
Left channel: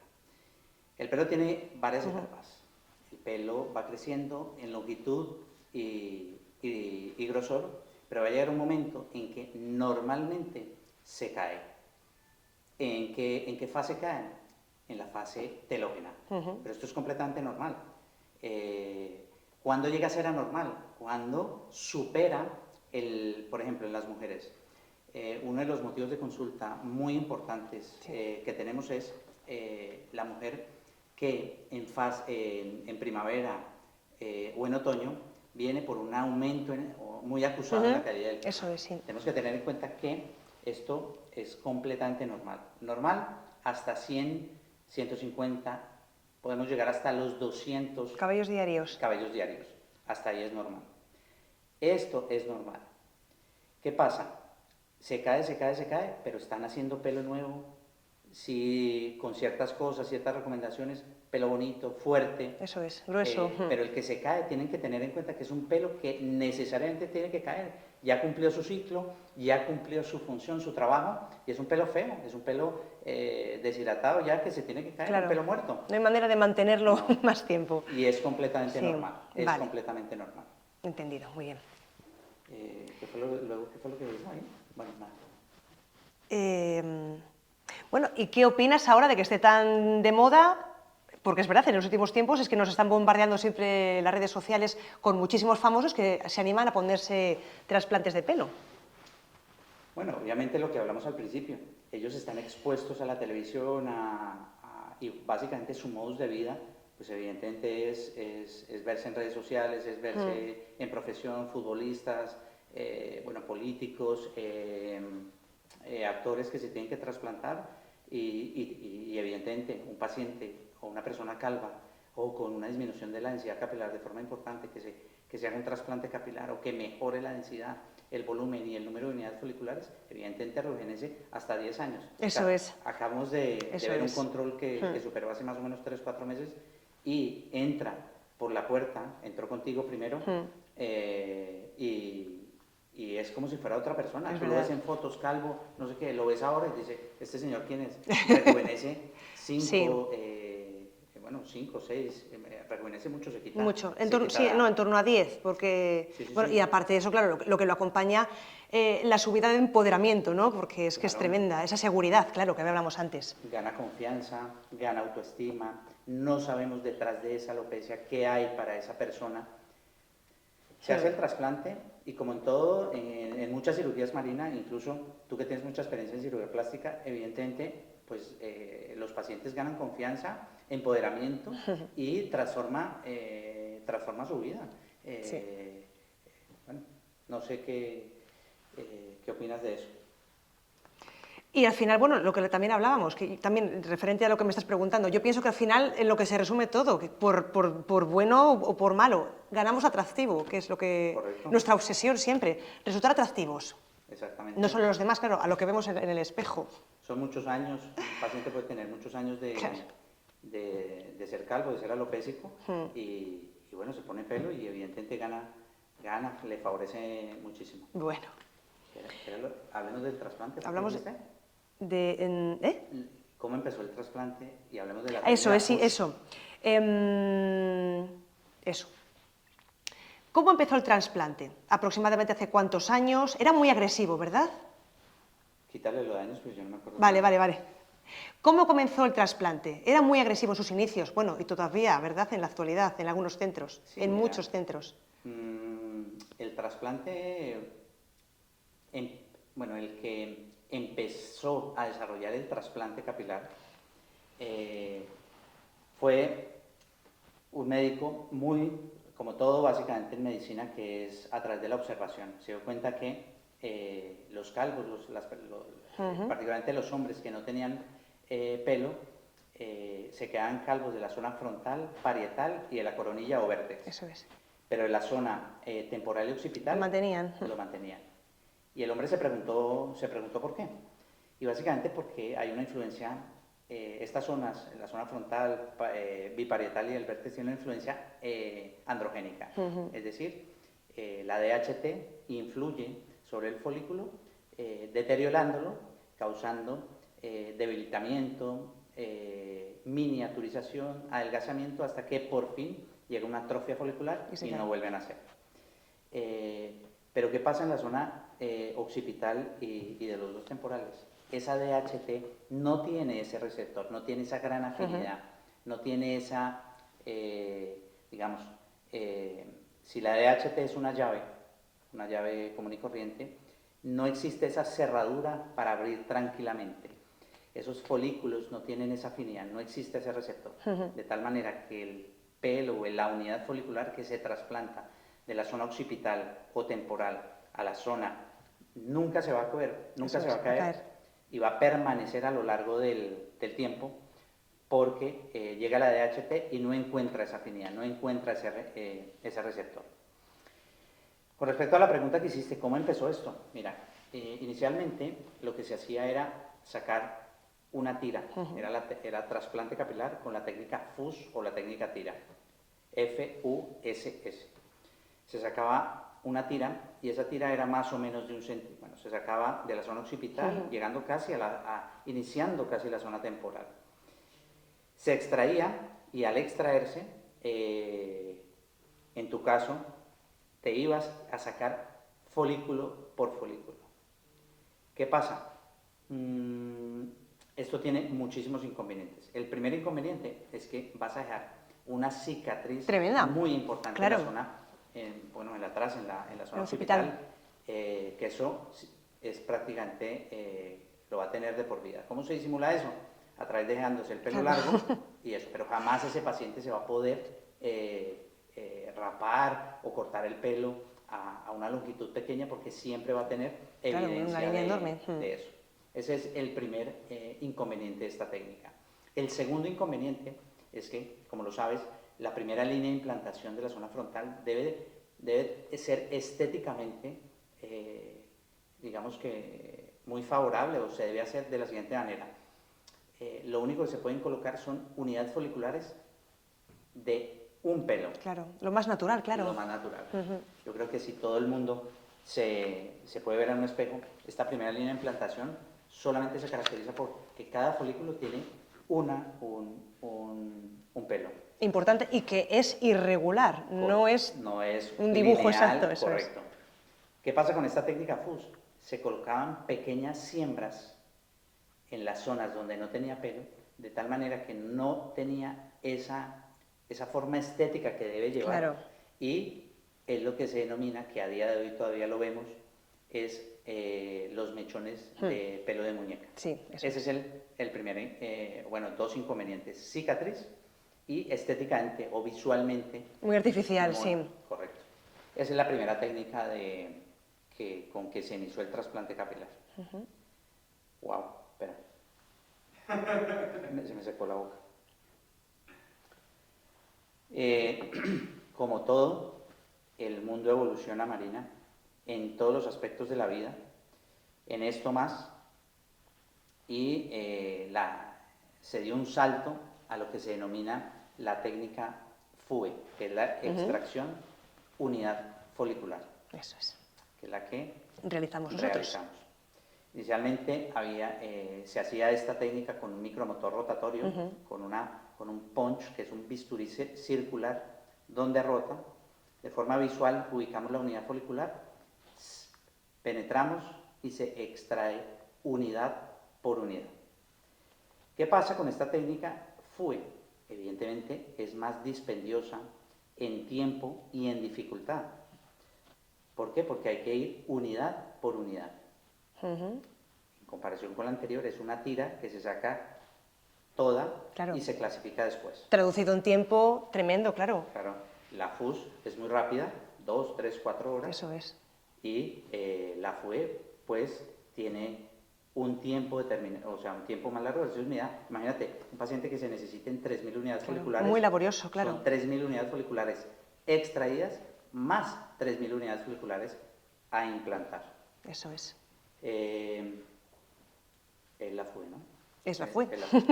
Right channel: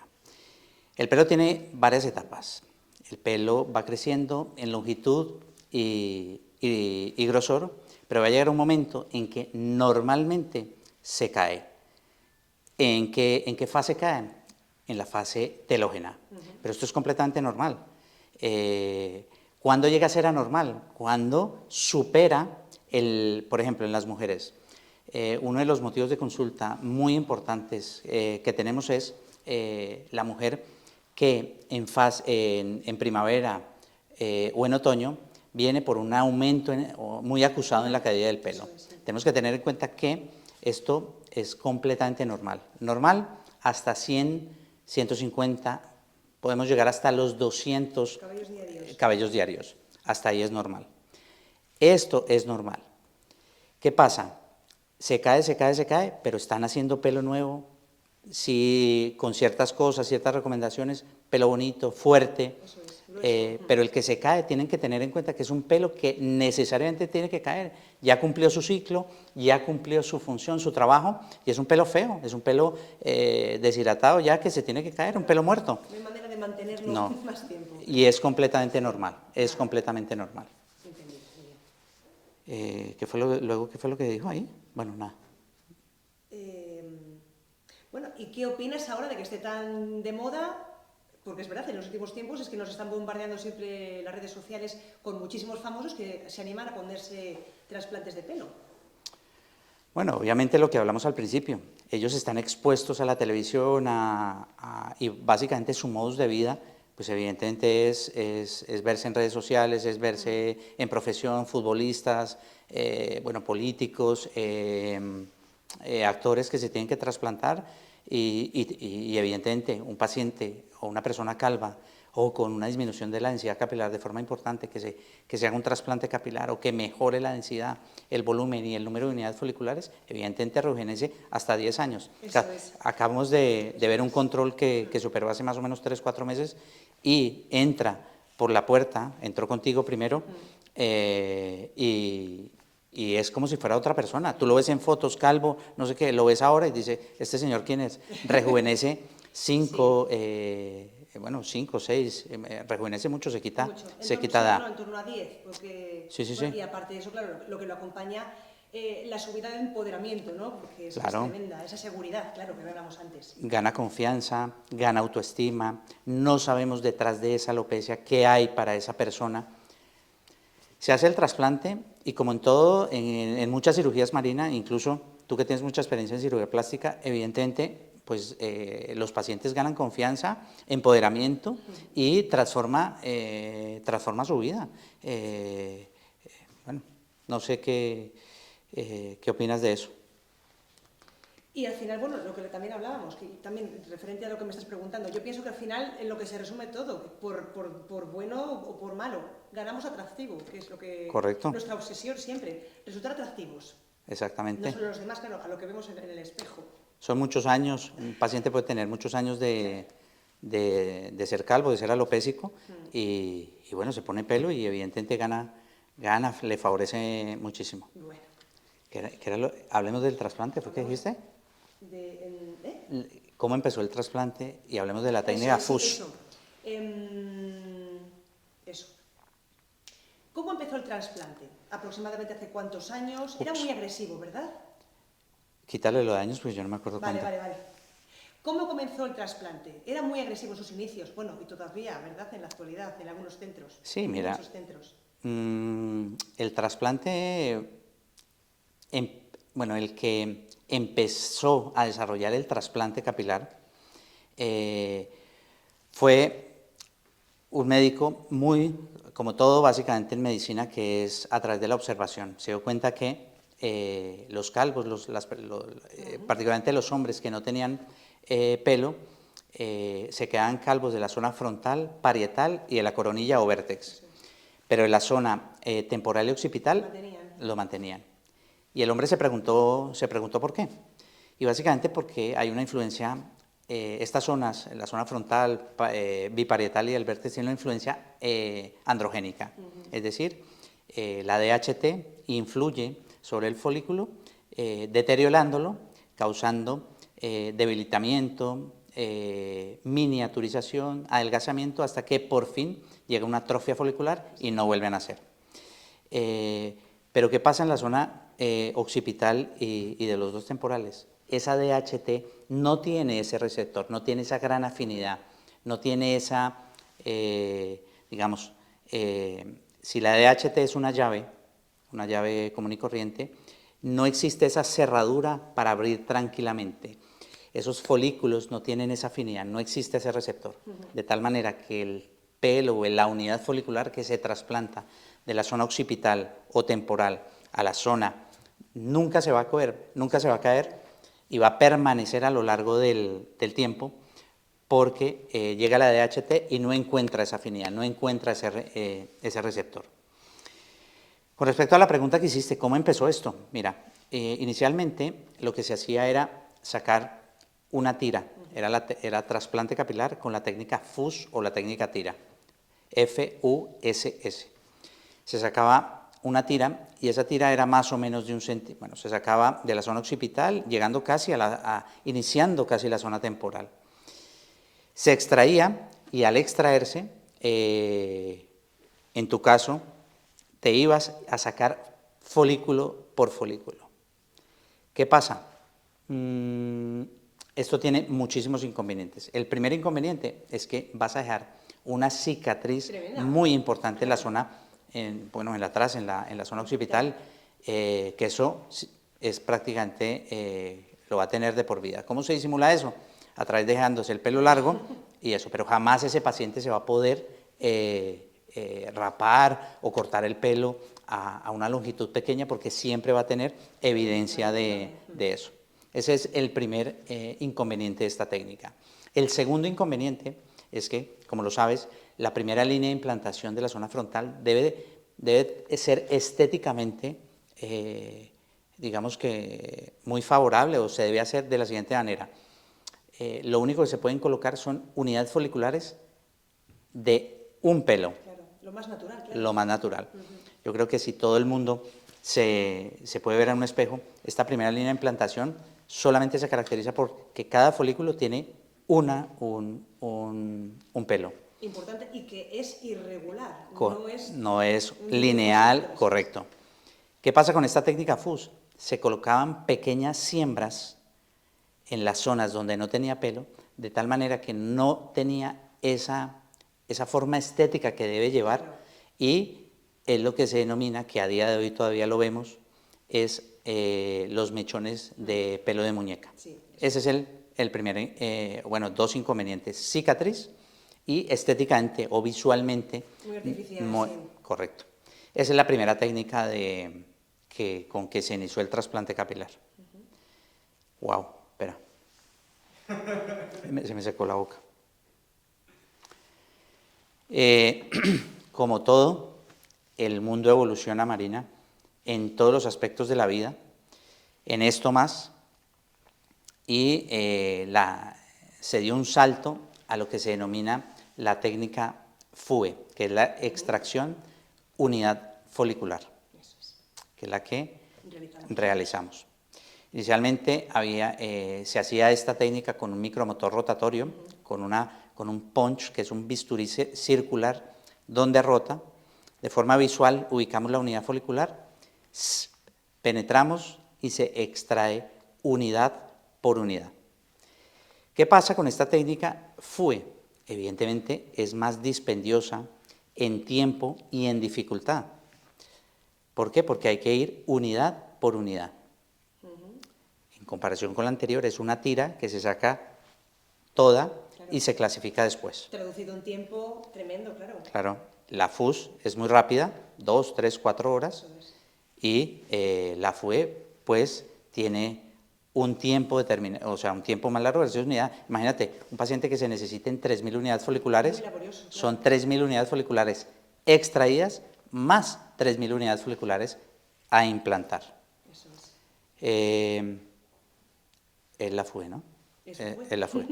El pelo tiene varias etapas. El pelo va creciendo en longitud y grosor, pero va a llegar un momento en que normalmente se cae. ¿En qué fase cae? En la fase telógena. Pero esto es completamente normal. ¿Cuándo llega a ser anormal? Cuando supera, por ejemplo, en las mujeres. Uno de los motivos de consulta muy importantes que tenemos es la mujer que en primavera o en otoño viene por un aumento muy acusado en la caída del pelo. Eso es, sí. Tenemos que tener en cuenta que esto es completamente normal. Normal hasta 100, 150, podemos llegar hasta los 200 Cabellos diarios. cabellos diarios. Hasta ahí es normal. Esto es normal. ¿Qué pasa? Se cae, pero están haciendo pelo nuevo, sí, con ciertas cosas, ciertas recomendaciones, pelo bonito, fuerte. Eso es, grueso. Pero el que se cae, tienen que tener en cuenta que es un pelo que necesariamente tiene que caer. Ya cumplió su ciclo, ya cumplió su función, su trabajo, y es un pelo feo, es un pelo deshidratado ya que se tiene que caer, Claro. un pelo muerto. No hay manera de mantenerlo No. más tiempo. Y es completamente Sí, normal, es vale. completamente normal. Entendido, muy bien. ¿Qué fue lo que dijo ahí? Bueno, nada. Bueno, ¿y qué opinas ahora de que esté tan de moda? Porque es verdad, en los últimos tiempos es que nos están bombardeando siempre las redes sociales con muchísimos famosos que se animan a ponerse trasplantes de pelo. Bueno, obviamente lo que hablamos al principio, ellos están expuestos a la televisión y básicamente su modus de vida, pues evidentemente es verse en redes sociales, es verse en profesión, futbolistas, bueno, políticos, actores que se tienen que trasplantar y evidentemente un paciente o una persona calva o con una disminución de la densidad capilar de forma importante, que se haga un trasplante capilar o que mejore la densidad, el volumen y el número de unidades foliculares, evidentemente rejuvenece hasta 10 años. Eso O sea, es. Acabamos de Eso ver un es. control que superó hace más o menos 3, 4 meses y entra por la puerta, entró contigo primero y es como si fuera otra persona. Tú lo ves en fotos, calvo, no sé qué, lo ves ahora y dice, ¿este señor quién es? Rejuvenece 5, bueno, 5, 6, rejuvenece mucho, se quita. Mucho. Se quita En torno a 10, porque... Sí, sí, bueno, sí. y aparte de eso, claro, lo que lo acompaña, la subida de empoderamiento, ¿no? Porque es que es Claro. tremenda, esa seguridad, claro, que hablamos antes. Gana confianza, gana autoestima, no sabemos detrás de esa alopecia qué hay para esa persona. Se hace el trasplante y como en todo, en muchas cirugías, Marina, incluso tú que tienes mucha experiencia en cirugía plástica, evidentemente pues los pacientes ganan confianza, empoderamiento y transforma su vida. Bueno, no sé qué opinas de eso. Y al final, bueno, lo que también hablábamos, que también referente a lo que me estás preguntando, yo pienso que al final en lo que se resume todo, que por bueno o por malo, ganamos atractivo, que es lo que... Correcto. Nuestra obsesión siempre, resultar atractivos. Exactamente. No solo los demás, claro, a lo que vemos en el espejo. Son muchos años, un paciente puede tener muchos años de ser calvo, de ser alopésico, y bueno, se pone pelo y evidentemente gana, le favorece muchísimo. Bueno. Hablemos del trasplante, ¿qué dijiste? ¿Cómo empezó el trasplante? Y hablemos de la técnica Eso, FUSH. Eso. ¿Cómo empezó el trasplante? ¿Aproximadamente hace cuántos años? Era muy agresivo, ¿verdad? Quítale los años, pues yo no me acuerdo Vale, tanto. vale. ¿Cómo comenzó el trasplante? Era muy agresivo en sus inicios, bueno, y todavía, ¿verdad?, en la actualidad, en algunos centros, Sí, en mira, muchos centros. El trasplante, bueno, el que empezó a desarrollar el trasplante capilar fue un médico muy, como todo básicamente en medicina, que es a través de la observación. Se dio cuenta que los calvos, particularmente los hombres que no tenían pelo, se quedaban calvos de la zona frontal, parietal y de la coronilla o vértex. Eso es. pero en la zona temporal y occipital Lo mantenían. Y el hombre se preguntó por qué. Y básicamente porque hay una influencia, estas zonas, la zona frontal, biparietal y el vértex, tienen una influencia androgénica. Es decir, la DHT influye sobre el folículo, deteriorándolo, causando debilitamiento, miniaturización, adelgazamiento, hasta que por fin llega una atrofia folicular y no vuelven a nacer. Pero ¿qué pasa en la zona occipital y de los dos temporales? Esa DHT no tiene ese receptor, no tiene esa gran afinidad, no tiene esa, digamos, si la DHT es una llave común y corriente, no existe esa cerradura para abrir tranquilamente. Esos folículos no tienen esa afinidad, no existe ese receptor, de tal manera que el pelo o la unidad folicular que se trasplanta de la zona occipital o temporal a la zona nunca se va a caer, nunca se va a caer y va a permanecer a lo largo del tiempo, porque llega la DHT y no encuentra esa afinidad, no encuentra ese receptor. Con respecto a la pregunta que hiciste, ¿cómo empezó esto? Mira, inicialmente lo que se hacía era sacar una tira, era trasplante capilar con la técnica FUS o la técnica tira, F-U-S-S. Se sacaba una tira y esa tira era más o menos de 1 centímetro, bueno, se sacaba de la zona occipital, llegando casi iniciando casi la zona temporal. Se extraía y al extraerse, en tu caso, te ibas a sacar folículo por folículo. ¿Qué pasa? Esto tiene muchísimos inconvenientes. El primer inconveniente es que vas a dejar una cicatriz tremenda, muy importante en la zona, en la zona occipital, que eso es prácticamente, lo va a tener de por vida. ¿Cómo se disimula eso? A través de dejándose el pelo largo y eso, pero jamás ese paciente se va a poder rapar o cortar el pelo a una longitud pequeña, porque siempre va a tener evidencia de eso. Ese es el primer inconveniente de esta técnica. El segundo inconveniente es que, como lo sabes, la primera línea de implantación de la zona frontal debe ser estéticamente, digamos que muy favorable, o se debe hacer de la siguiente manera. Lo único que se pueden colocar son unidades foliculares de un pelo. Claro, lo más natural, claro. Lo más natural. Yo creo que si todo el mundo se puede ver en un espejo, esta primera línea de implantación solamente se caracteriza porque cada folículo tiene un pelo. Importante, y que es irregular, no es lineal, exacto, correcto. ¿Qué pasa con esta técnica FUS? Se colocaban pequeñas siembras en las zonas donde no tenía pelo, de tal manera que no tenía esa forma estética que debe llevar, claro. Y es lo que se denomina, que a día de hoy todavía lo vemos, es los mechones de pelo de muñeca. Sí, ese es el primer, dos inconvenientes: cicatriz y estéticamente o visualmente. Muy artificial, sí. Correcto. Esa es la primera técnica con que se inició el trasplante capilar. Wow, espera. Se me secó la boca. Como todo, el mundo evoluciona, Marina, en todos los aspectos de la vida, en esto más, y se dio un salto a lo que se denomina la técnica FUE, que es la extracción unidad folicular. Eso es. Que es la que realizamos. Inicialmente se hacía esta técnica con un micromotor rotatorio, con un punch, que es un bisturí circular, donde rota. De forma visual ubicamos la unidad folicular, penetramos y se extrae unidad por unidad. ¿Qué pasa con esta técnica FUE? Evidentemente es más dispendiosa en tiempo y en dificultad. ¿Por qué? Porque hay que ir unidad por unidad. En comparación con la anterior, es una tira que se saca toda, claro, y se clasifica después. Traducido en tiempo tremendo, claro. Claro, la FUS es muy rápida, 2, 3, 4 horas. Eso es. Y la FUE, pues, tiene un tiempo determinado, o sea, un tiempo más largo de esa unidad. Imagínate, un paciente que se necesiten 3.000 unidades foliculares. Muy laborioso, claro. Son 3.000 unidades foliculares extraídas más 3.000 unidades foliculares a implantar. Eso es. Es la FUE, ¿no? Es la FUE. Es la FUE.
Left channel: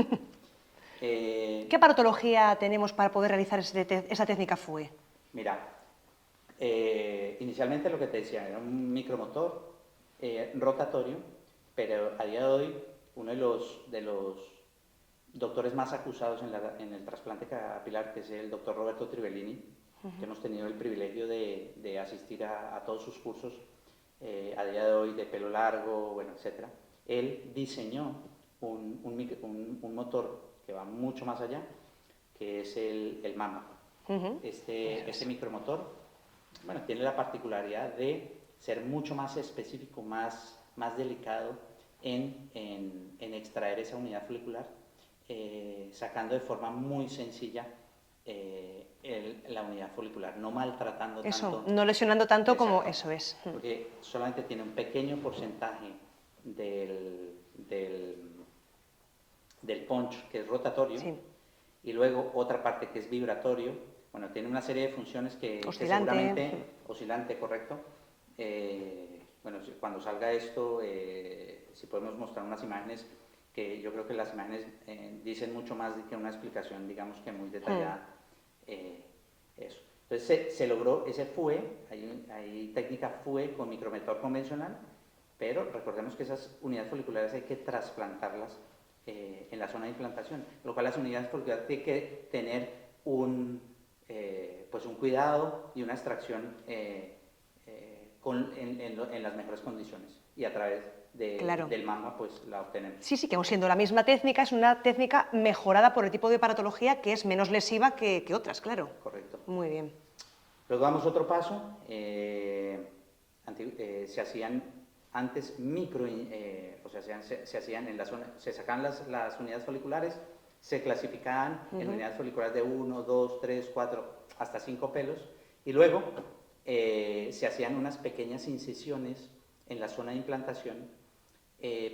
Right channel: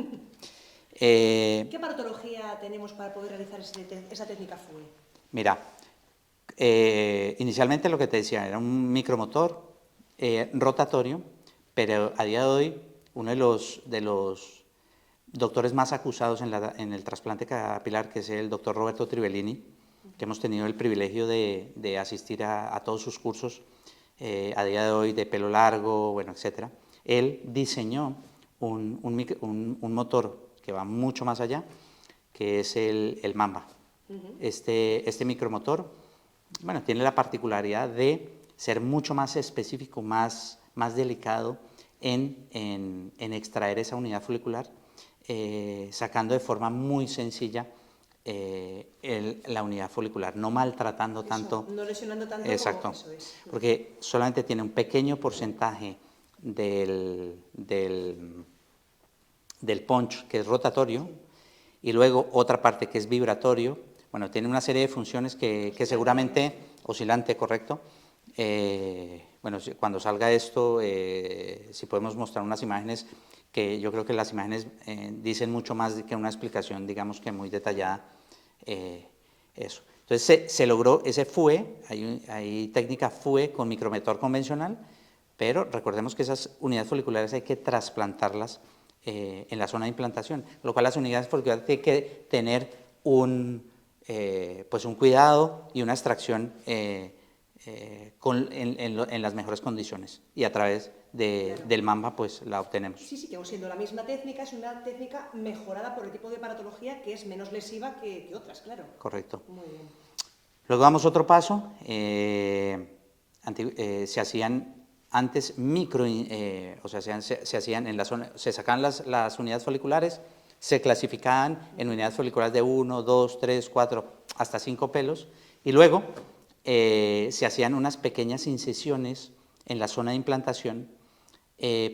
¿Qué aparatología tenemos para poder realizar esa técnica FUE? Mira, inicialmente lo que te decía era un micromotor rotatorio, pero a día de hoy uno de los doctores más acusados en el trasplante capilar, que es el doctor Roberto Trivellini, que hemos tenido el privilegio de asistir a todos sus cursos a día de hoy de pelo largo, bueno, etcétera. Él diseñó un motor que va mucho más allá, que es el Mamba. Este micromotor, bueno, tiene la particularidad de ser mucho más específico, más delicado en extraer esa unidad folicular, sacando de forma muy sencilla la unidad folicular, no maltratando tanto. No lesionando tanto. Exacto, como eso es. Porque solamente tiene un pequeño porcentaje del punch, que es rotatorio, Sí. y luego otra parte que es vibratorio. Bueno, tiene una serie de funciones que seguramente, sí. oscilante, correcto. Bueno, cuando salga esto, si podemos mostrar unas imágenes, que yo creo que las imágenes dicen mucho más que una explicación, digamos que muy detallada. Eso. Entonces se logró ese FUE, hay técnica FUE con micromotor convencional, pero recordemos que esas unidades foliculares hay que trasplantarlas en la zona de implantación, lo cual las unidades foliculares tienen que tener pues un cuidado y una extracción en las mejores condiciones, y a través del Mamba pues la obtenemos. Sí, que aun siendo la misma técnica, es una técnica mejorada por el tipo de aparatología que es menos lesiva que otras, claro. Correcto. Muy bien. Luego damos otro paso, se hacían antes o sea, se hacían en la zona, se sacaban las unidades foliculares, se clasificaban en unidades foliculares de 1, 2, 3, 4, hasta 5 pelos, y luego se hacían unas pequeñas incisiones en la zona de implantación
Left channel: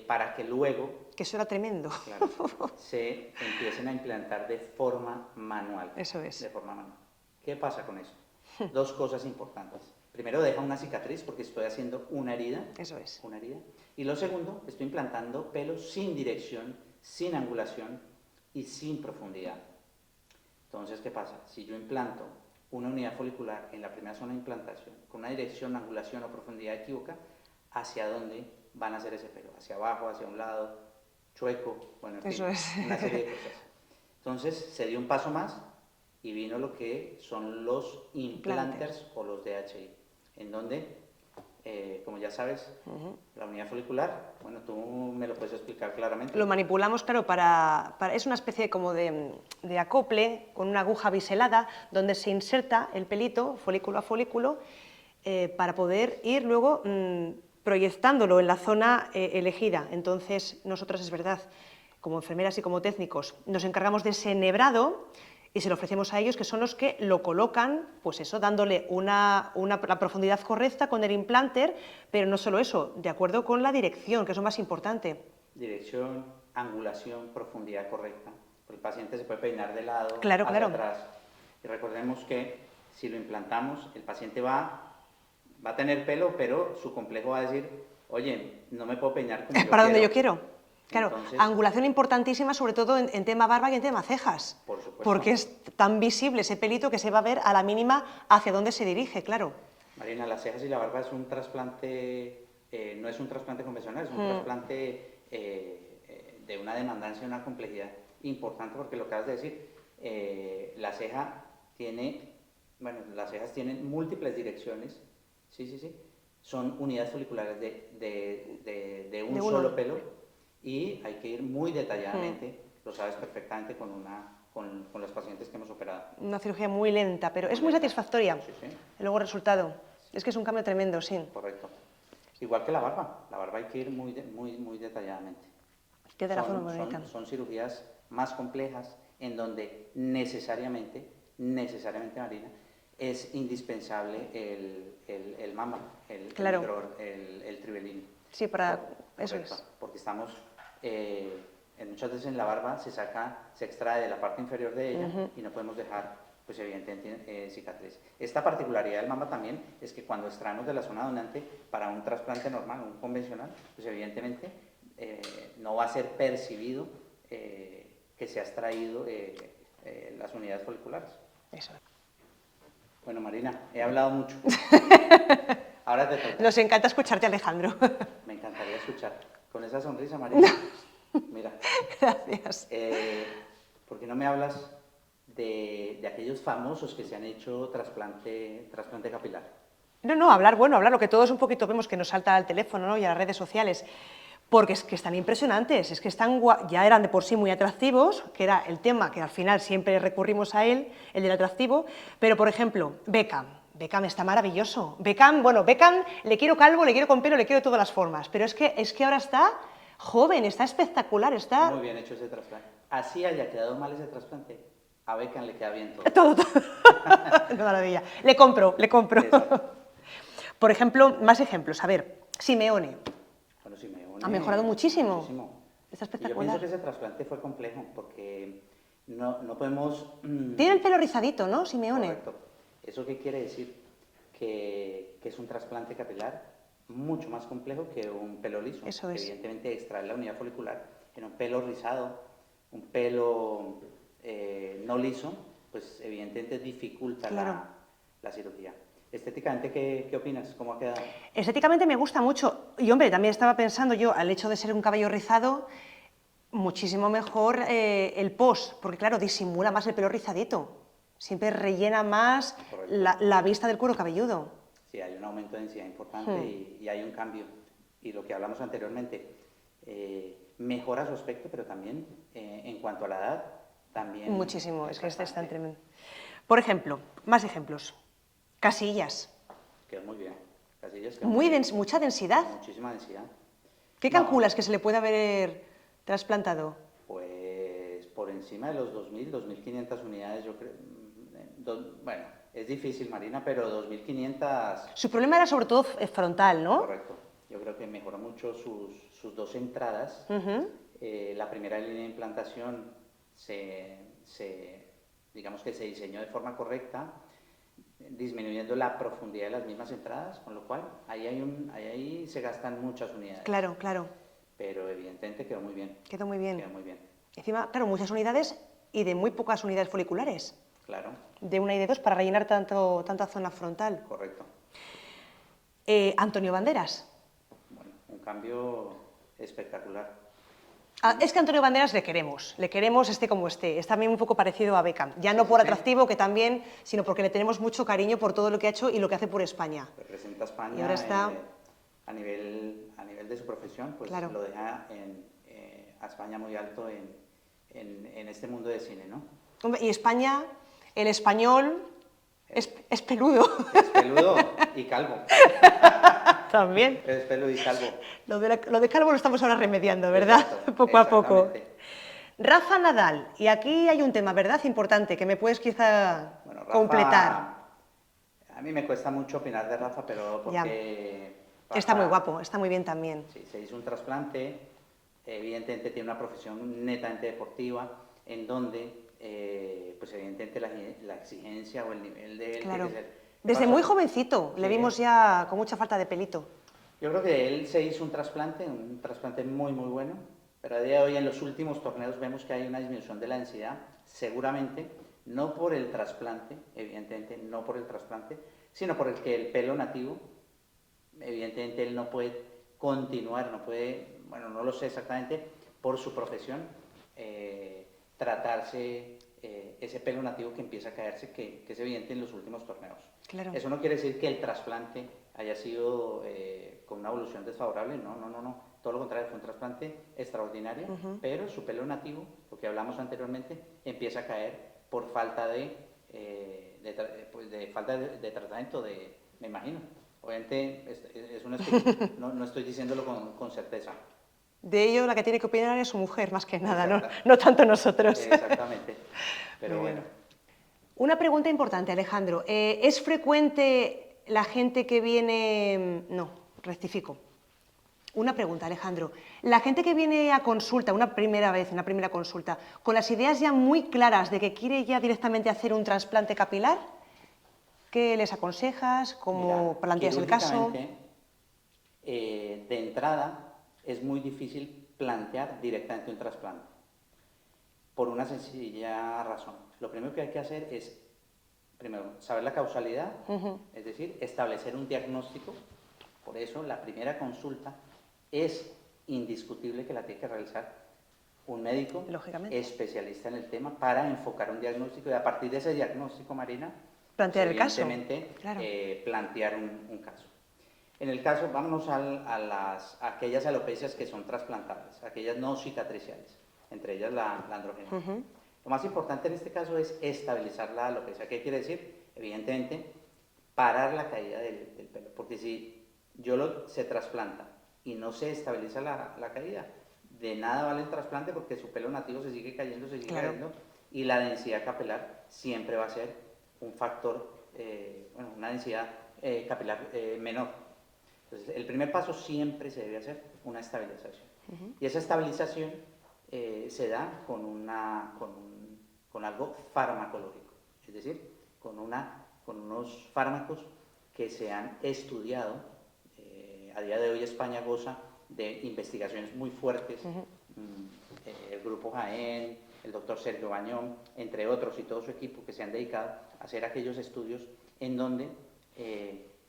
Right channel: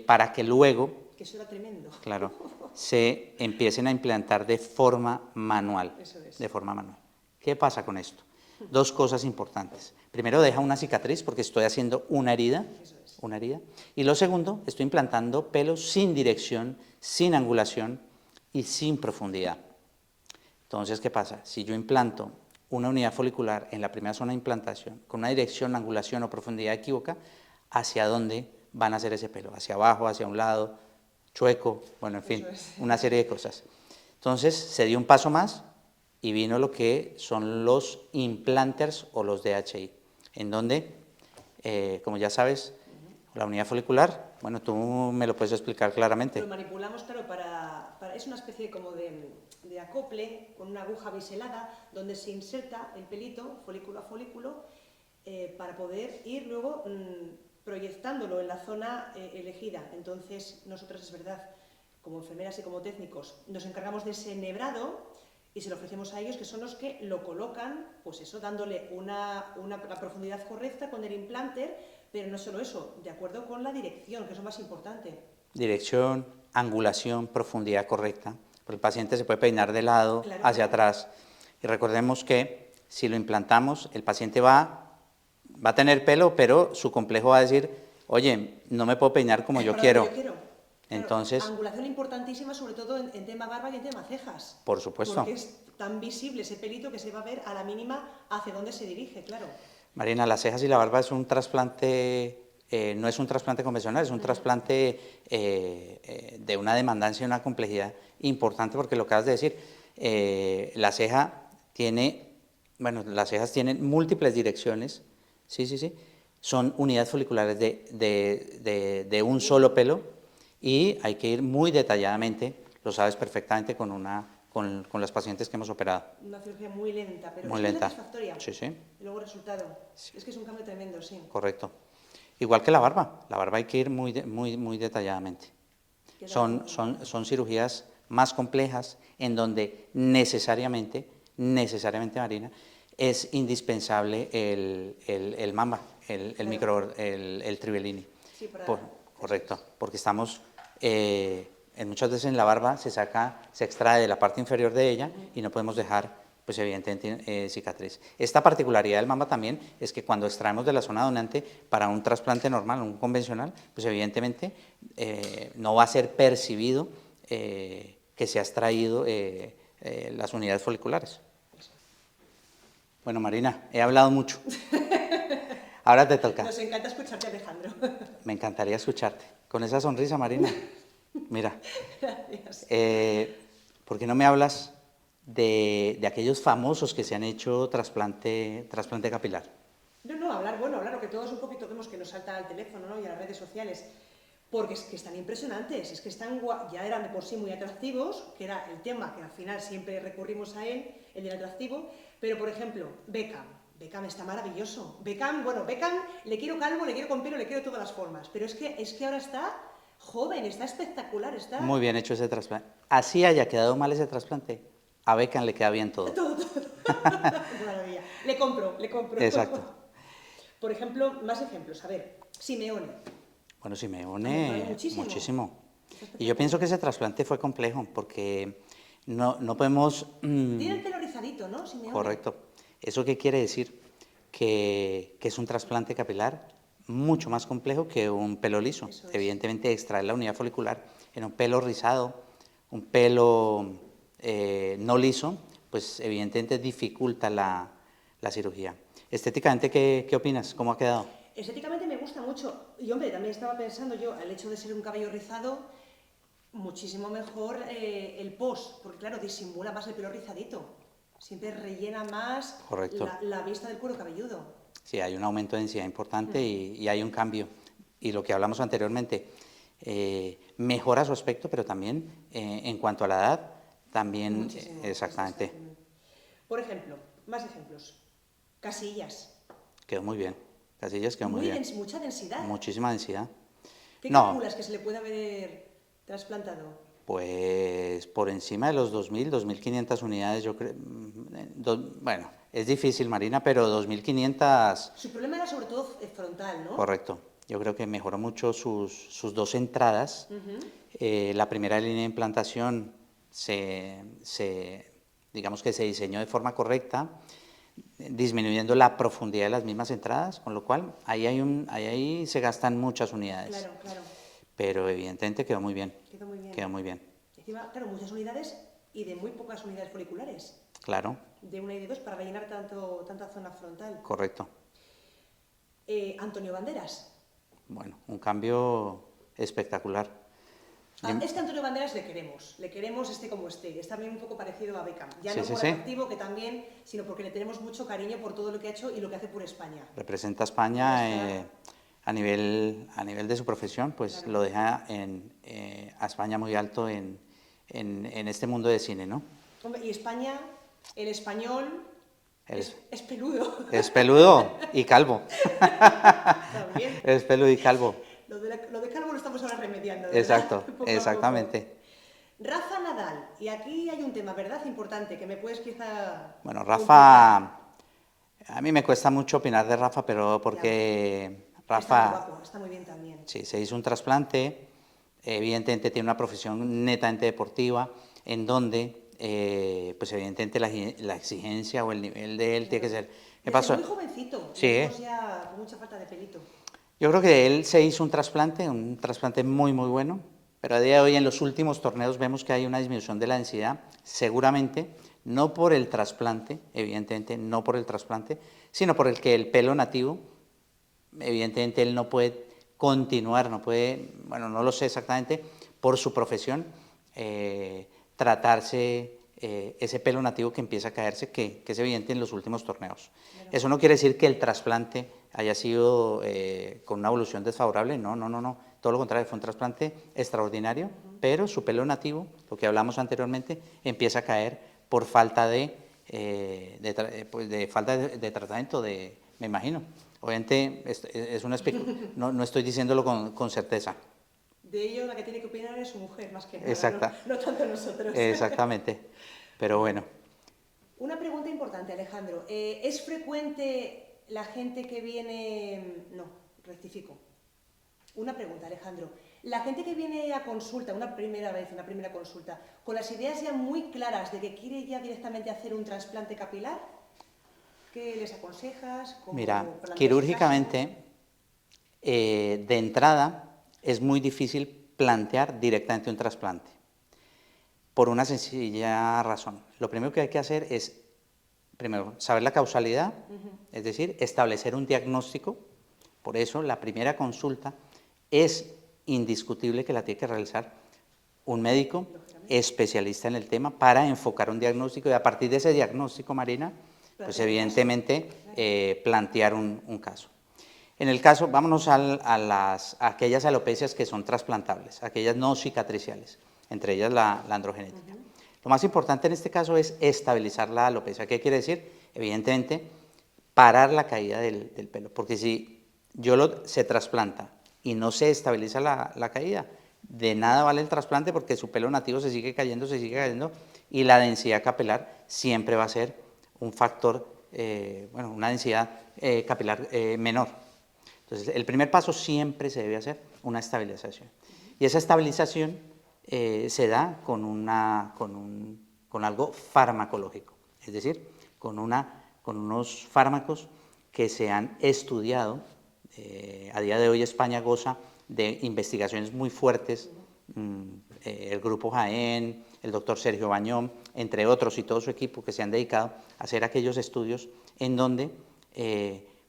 para que luego, que eso era tremendo, claro, se empiecen a implantar de forma manual. Eso es. De forma manual. ¿Qué pasa con esto? Dos cosas importantes. Primero, deja una cicatriz porque estoy haciendo una herida. Eso es. Una herida. Y lo segundo, estoy implantando pelos sin dirección, sin angulación y sin profundidad. Entonces, ¿qué pasa? Si yo implanto una unidad folicular en la primera zona de implantación con una dirección, angulación o profundidad equívoca, ¿hacia dónde van a hacer ese pelo? ¿Hacia abajo, hacia un lado, chueco? Bueno, en fin, una serie de cosas. Entonces, se dio un paso más y vino lo que son los implanters o los DHI, en donde, como ya sabes, la unidad folicular, bueno, tú me lo puedes explicar claramente. Lo manipulamos, claro, es una especie como de acople con una aguja biselada donde se inserta el pelito, folículo a folículo, para poder ir luego proyectándolo en la zona elegida. Entonces, nosotros, es verdad, como enfermeras y como técnicos, nos encargamos de ese enhebrado y se lo ofrecemos a ellos, que son los que lo colocan, pues eso, dándole la profundidad correcta con el implanter, pero no solo eso, de acuerdo con la dirección, que es lo más importante. Dirección, angulación, profundidad correcta, porque el paciente se puede peinar de lado, hacia atrás, y recordemos que si lo implantamos, el paciente va a tener pelo, pero su complejo va a decir, oye, no me puedo peinar como yo quiero. Para donde yo quiero. Claro, entonces, angulación importantísima, sobre todo en tema barba y en tema cejas. Por supuesto. Porque es tan visible ese pelito que se va a ver a la mínima hacia dónde se dirige, claro. Marina, las cejas y la barba es un trasplante, no es un trasplante convencional, es un trasplante de una demandancia y una complejidad importante, porque lo que acabas de decir, las cejas tienen múltiples direcciones, sí, son unidades foliculares de un solo pelo, y hay que ir muy detalladamente, lo sabes perfectamente con las pacientes que hemos operado. Una cirugía muy lenta, pero muy muy lenta. satisfactoria. Sí. Luego el resultado. Sí. Es que es un cambio tremendo, sí. Correcto. Igual que la barba hay que ir muy detalladamente. Son cirugías más complejas en donde necesariamente, Marina, es indispensable el Mamba, el Trivellini. Sí, correcto, porque estamos, muchas veces en la barba se extrae de la parte inferior de ella y no podemos dejar pues evidentemente cicatriz. Esta particularidad del mama también es que cuando extraemos de la zona donante para un trasplante normal, un convencional, pues evidentemente no va a ser percibido que se ha extraído las unidades foliculares. Eso. Bueno, Marina, he hablado mucho. Ahora te toca. Nos encanta escucharte, Alejandro. Me encantaría escucharte. Con esa sonrisa, Marina. Mira. Gracias. ¿Por qué no me hablas de aquellos famosos que se han hecho trasplante capilar? No, hablar lo que todos un poquito vemos que nos salta al teléfono, ¿no? Y a las redes sociales. Porque es que están impresionantes, es que ya eran de por sí muy atractivos, que era el tema que al final siempre recurrimos a él, el del atractivo, pero por ejemplo, Beckham está maravilloso. Beckham le quiero calvo, le quiero con pelo, le quiero de todas las formas, pero es que ahora está joven, está espectacular, está... Muy bien hecho ese trasplante. Así haya quedado mal ese trasplante, a Beckham le queda bien todo. Todo. Qué maravilla. Le compro. Exacto. Por ejemplo, más ejemplos. A ver, Simeone. Bueno, Simeone... Ha mejorado muchísimo. Muchísimo. Está Y yo pienso que ese trasplante fue complejo, porque no podemos... Tiene el pelo rizadito, ¿no, Simeone? Correcto. ¿Eso qué quiere decir? Que es un trasplante capilar mucho más complejo que un pelo liso. Eso es. Evidentemente, extraer la unidad folicular en un pelo rizado, un pelo no liso, pues evidentemente dificulta la cirugía. Estéticamente, ¿qué opinas? ¿Cómo ha quedado? Estéticamente me gusta mucho. Y hombre, también estaba pensando yo, al hecho de ser un cabello rizado, muchísimo mejor el post, porque claro, disimula más el pelo rizadito. Siempre rellena más la vista del cuero cabelludo. Sí, hay un aumento de densidad importante y hay un cambio. Y lo que hablamos anteriormente, mejora su aspecto, pero también en cuanto a la edad, también... Muchísimo. Exactamente. Está tremendo. Por ejemplo, más ejemplos. Casillas. Quedó muy bien. Casillas quedó muy bien. Mucha densidad. Muchísima densidad. ¿Qué calculas que se le puede haber trasplantado? Pues por encima de los 2.000, 2.500 unidades, yo creo. Bueno, es difícil, Marina, pero 2.500... Su problema era sobre todo frontal, ¿no? Correcto. Yo creo que mejoró mucho sus dos entradas. La primera línea de implantación digamos que se diseñó de forma correcta, disminuyendo la profundidad de las mismas entradas, con lo cual ahí se gastan muchas unidades. Claro, claro. Pero evidentemente quedó muy bien. Quedó muy bien. Quedó muy bien. Encima, claro, muchas unidades y de muy pocas unidades foliculares. Claro. De una y de dos para rellenar tanta zona frontal. Correcto. Antonio Banderas. Bueno, un cambio espectacular. Es que a Antonio Banderas le queremos esté como esté, es también un poco parecido a Beckham, ya no por atractivo, que también, sino porque le tenemos mucho cariño por todo lo que ha hecho y lo que hace por España. Representa a España a nivel de su profesión, pues claro, lo deja a España muy alto en este mundo de cine, ¿no? Y España, el español, es peludo. Es peludo y calvo. También. Es peludo y calvo. Lo de calvo lo estamos ahora remediando, ¿verdad? Exacto, poco a poco. Exactamente. Rafa Nadal, y aquí hay un tema, ¿verdad? Importante, que me puedes quizá Bueno, Rafa, completar. A mí me cuesta mucho opinar de Rafa, pero porque Rafa... Está muy guapo, está muy bien también. Sí, se hizo un trasplante, evidentemente tiene una profesión netamente deportiva, en donde, pues evidentemente la exigencia o el nivel de él tiene que ser... Desde muy jovencito, sí, le vimos ya con mucha falta de pelito. Yo creo que él se hizo un trasplante muy, muy bueno, pero a día de hoy en los últimos torneos vemos que hay una disminución de la densidad, seguramente no por el trasplante, evidentemente no por el trasplante, sino por el que el pelo nativo, evidentemente él no puede continuar, no puede, bueno, no lo sé exactamente, por su profesión, tratarse ese pelo nativo que empieza a caerse, que es evidente en los últimos torneos. Claro. Eso no quiere decir que el trasplante haya sido con una evolución desfavorable, no, todo lo contrario, fue un trasplante extraordinario, pero su pelo nativo, lo que hablamos anteriormente, empieza a caer por falta de tratamiento, me imagino. Obviamente es una no estoy diciéndolo con certeza. De ello la que tiene que opinar es su mujer, más que nada, no tanto nosotros. Exactamente, pero bueno. Una pregunta importante, Alejandro. ¿Es frecuente la gente que viene... No, rectifico. Una pregunta, Alejandro. La gente que viene a consulta, una primera consulta, con las ideas ya muy claras de que quiere ya directamente hacer un trasplante capilar, ¿qué les aconsejas? ¿Cómo Mira, planteas el caso? quirúrgicamente, de entrada, es muy difícil plantear directamente un trasplante, por una sencilla razón. Lo primero que hay que hacer es, primero, saber la causalidad, es decir, establecer un diagnóstico. Por eso, la primera consulta es indiscutible que la tiene que realizar un médico especialista en el tema para enfocar un diagnóstico y a partir de ese diagnóstico, Marina, pues evidentemente plantear un caso. En el caso, vámonos a aquellas alopecias que son trasplantables, aquellas no cicatriciales, entre ellas la androgenética. Lo más importante en este caso es estabilizar la alopecia. ¿Qué quiere decir? Evidentemente, parar la caída del pelo, porque si se trasplanta y no se estabiliza la caída, de nada vale el trasplante porque su pelo nativo se sigue cayendo, y la densidad capilar siempre va a ser un factor, una densidad capilar menor. Entonces, el primer paso siempre se debe hacer una estabilización. Y esa estabilización se da con algo farmacológico, es decir, con unos fármacos que se han estudiado. A día de hoy España goza de investigaciones muy fuertes, el Grupo Jaén, el doctor Sergio Bañón, entre otros, y todo su equipo que se han dedicado a hacer aquellos estudios en donde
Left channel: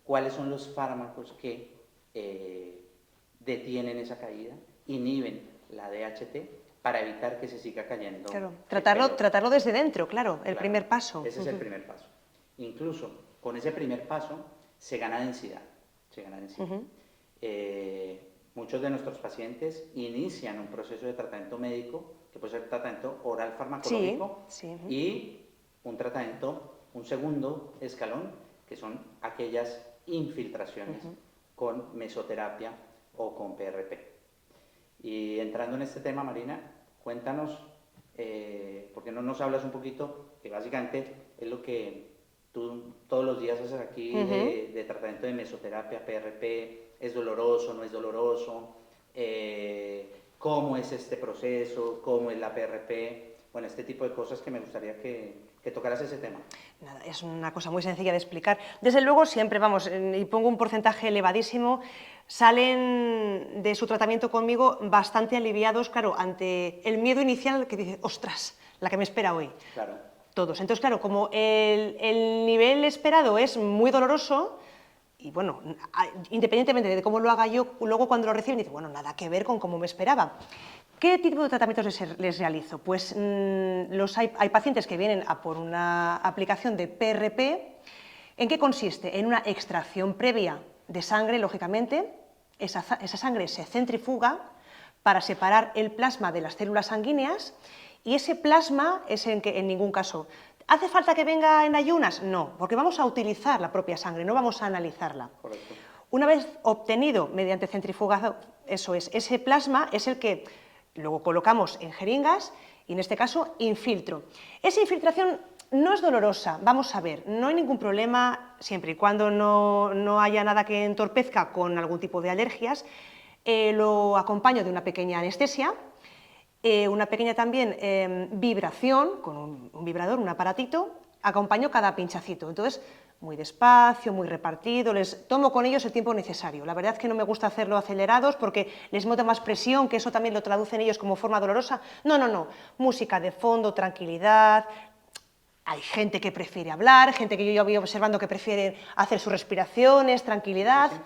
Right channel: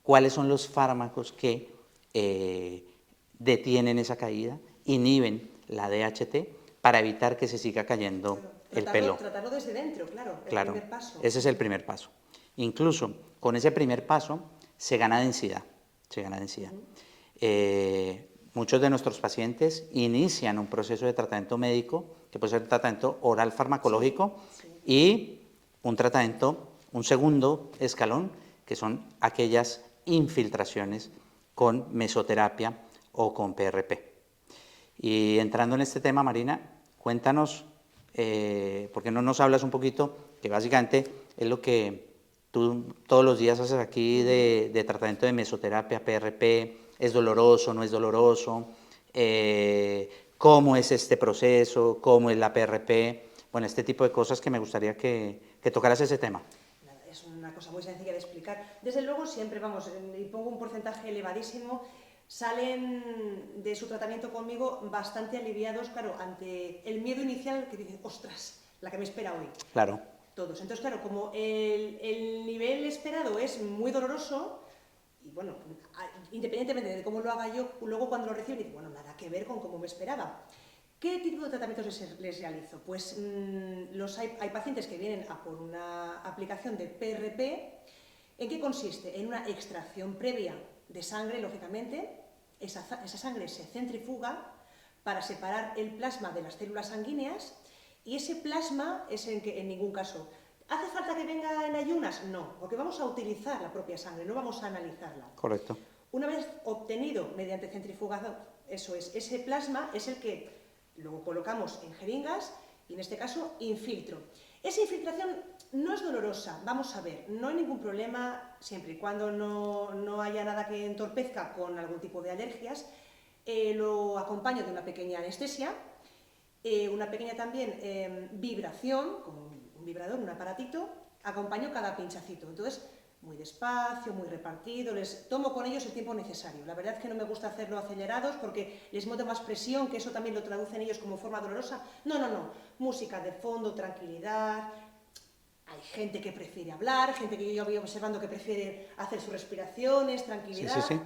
cuáles son los fármacos que detienen esa caída, inhiben la DHT para evitar que se siga cayendo el pelo. Tratarlo desde dentro, claro, primer paso. Ese es el primer paso. Incluso con ese primer paso se gana densidad. Muchos de nuestros pacientes inician un proceso de tratamiento médico, que puede ser un tratamiento oral farmacológico, y un segundo escalón, que son aquellas infiltraciones con mesoterapia o con PRP. Y entrando en este tema, Marina, cuéntanos, ¿por qué no nos hablas un poquito, que básicamente es lo que tú todos los días haces aquí de tratamiento de mesoterapia, PRP? ¿Es doloroso, no es doloroso? ¿Cómo es este proceso? ¿Cómo es la PRP? Bueno, este tipo de cosas que me gustaría que tocaras ese tema. Es una cosa muy sencilla de explicar. Desde luego, siempre, y pongo un porcentaje elevadísimo, salen de su tratamiento conmigo bastante aliviados, claro, ante el miedo inicial que dice, ostras, la que me espera hoy. Claro. Todos. Entonces, claro, como el nivel esperado es muy doloroso, y bueno, independientemente de cómo lo haga yo, luego cuando lo reciben, dice, bueno, nada que ver con cómo me esperaba. ¿Qué tipo de tratamientos les realizo? Pues hay pacientes que vienen a por una aplicación de PRP. ¿En qué consiste? En una extracción previa de sangre, lógicamente. Esa sangre se centrifuga para separar el plasma de las células sanguíneas, y ese plasma es en ningún caso. ¿Hace falta que venga en ayunas? No, porque vamos a utilizar la propia sangre, no vamos a analizarla. Correcto. Una vez obtenido mediante centrifugado, ese plasma es el que luego colocamos en jeringas y en este caso infiltro. Esa infiltración no es dolorosa, vamos a ver, no hay ningún problema siempre y cuando no haya nada que entorpezca con algún tipo de alergias. Lo acompaño de una pequeña anestesia, una pequeña también vibración con un vibrador, un aparatito, acompaño cada pinchacito. Entonces, muy despacio, muy repartido, les tomo con ellos el tiempo necesario. La verdad es que no me gusta hacerlo acelerados porque les meto más presión, que eso también lo traducen ellos como forma dolorosa. No, música de fondo, tranquilidad. Hay gente que prefiere hablar, gente que yo voy observando que prefiere hacer sus respiraciones, tranquilidad. Sí.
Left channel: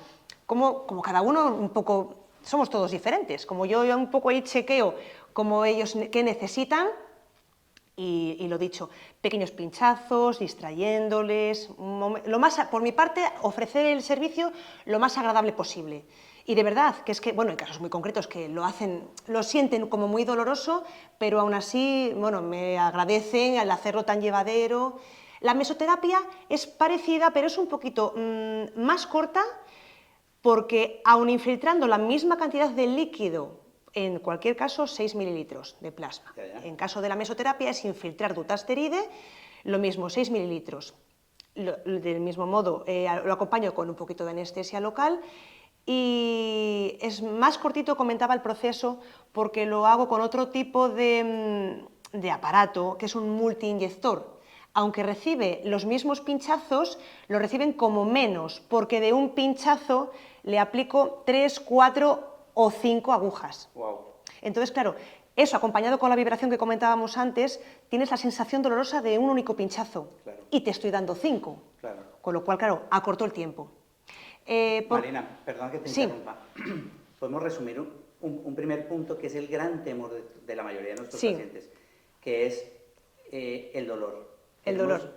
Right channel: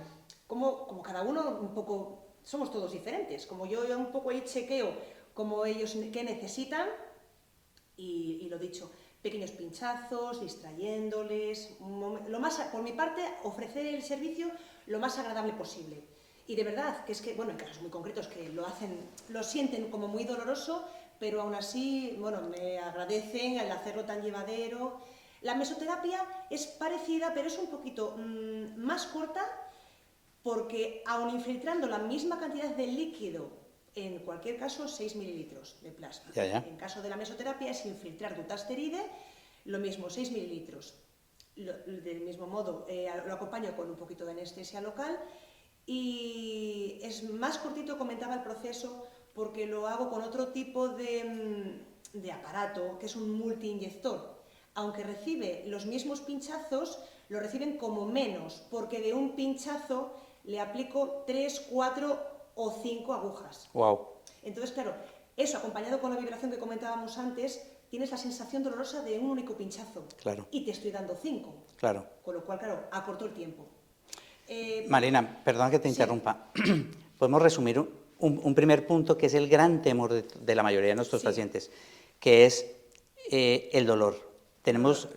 Como cada uno un poco, somos todos diferentes. Como yo un poco ahí chequeo como ellos qué necesitan, y lo dicho, pequeños pinchazos, distrayéndoles, por mi parte, ofrecer el servicio lo más agradable posible. Y de verdad, que es que, bueno, en casos muy concretos que lo sienten como muy doloroso, pero aún así, bueno, me agradecen al hacerlo tan llevadero. La mesoterapia es parecida, pero es un poquito más corta, porque aun infiltrando la misma cantidad de líquido, en cualquier caso, 6 mililitros de plasma. En caso de la mesoterapia es infiltrar dutasteride, lo mismo, 6 mililitros. Del mismo modo, lo acompaño con un poquito de anestesia local y es más cortito, comentaba el proceso, porque lo hago con otro tipo de aparato, que es un multiinyector. Aunque recibe los mismos pinchazos, lo reciben como menos, porque de un pinchazo le aplico 3, 4 o 5 agujas. Wow. Entonces, claro, eso acompañado con la vibración que comentábamos antes, tienes la sensación dolorosa de un único pinchazo. Claro. Y te estoy dando 5. Claro. Con lo cual, claro, acortó el tiempo. Marina, perdón que te interrumpa. Podemos resumir un primer punto que es el gran temor de la mayoría de nuestros pacientes, que es el dolor.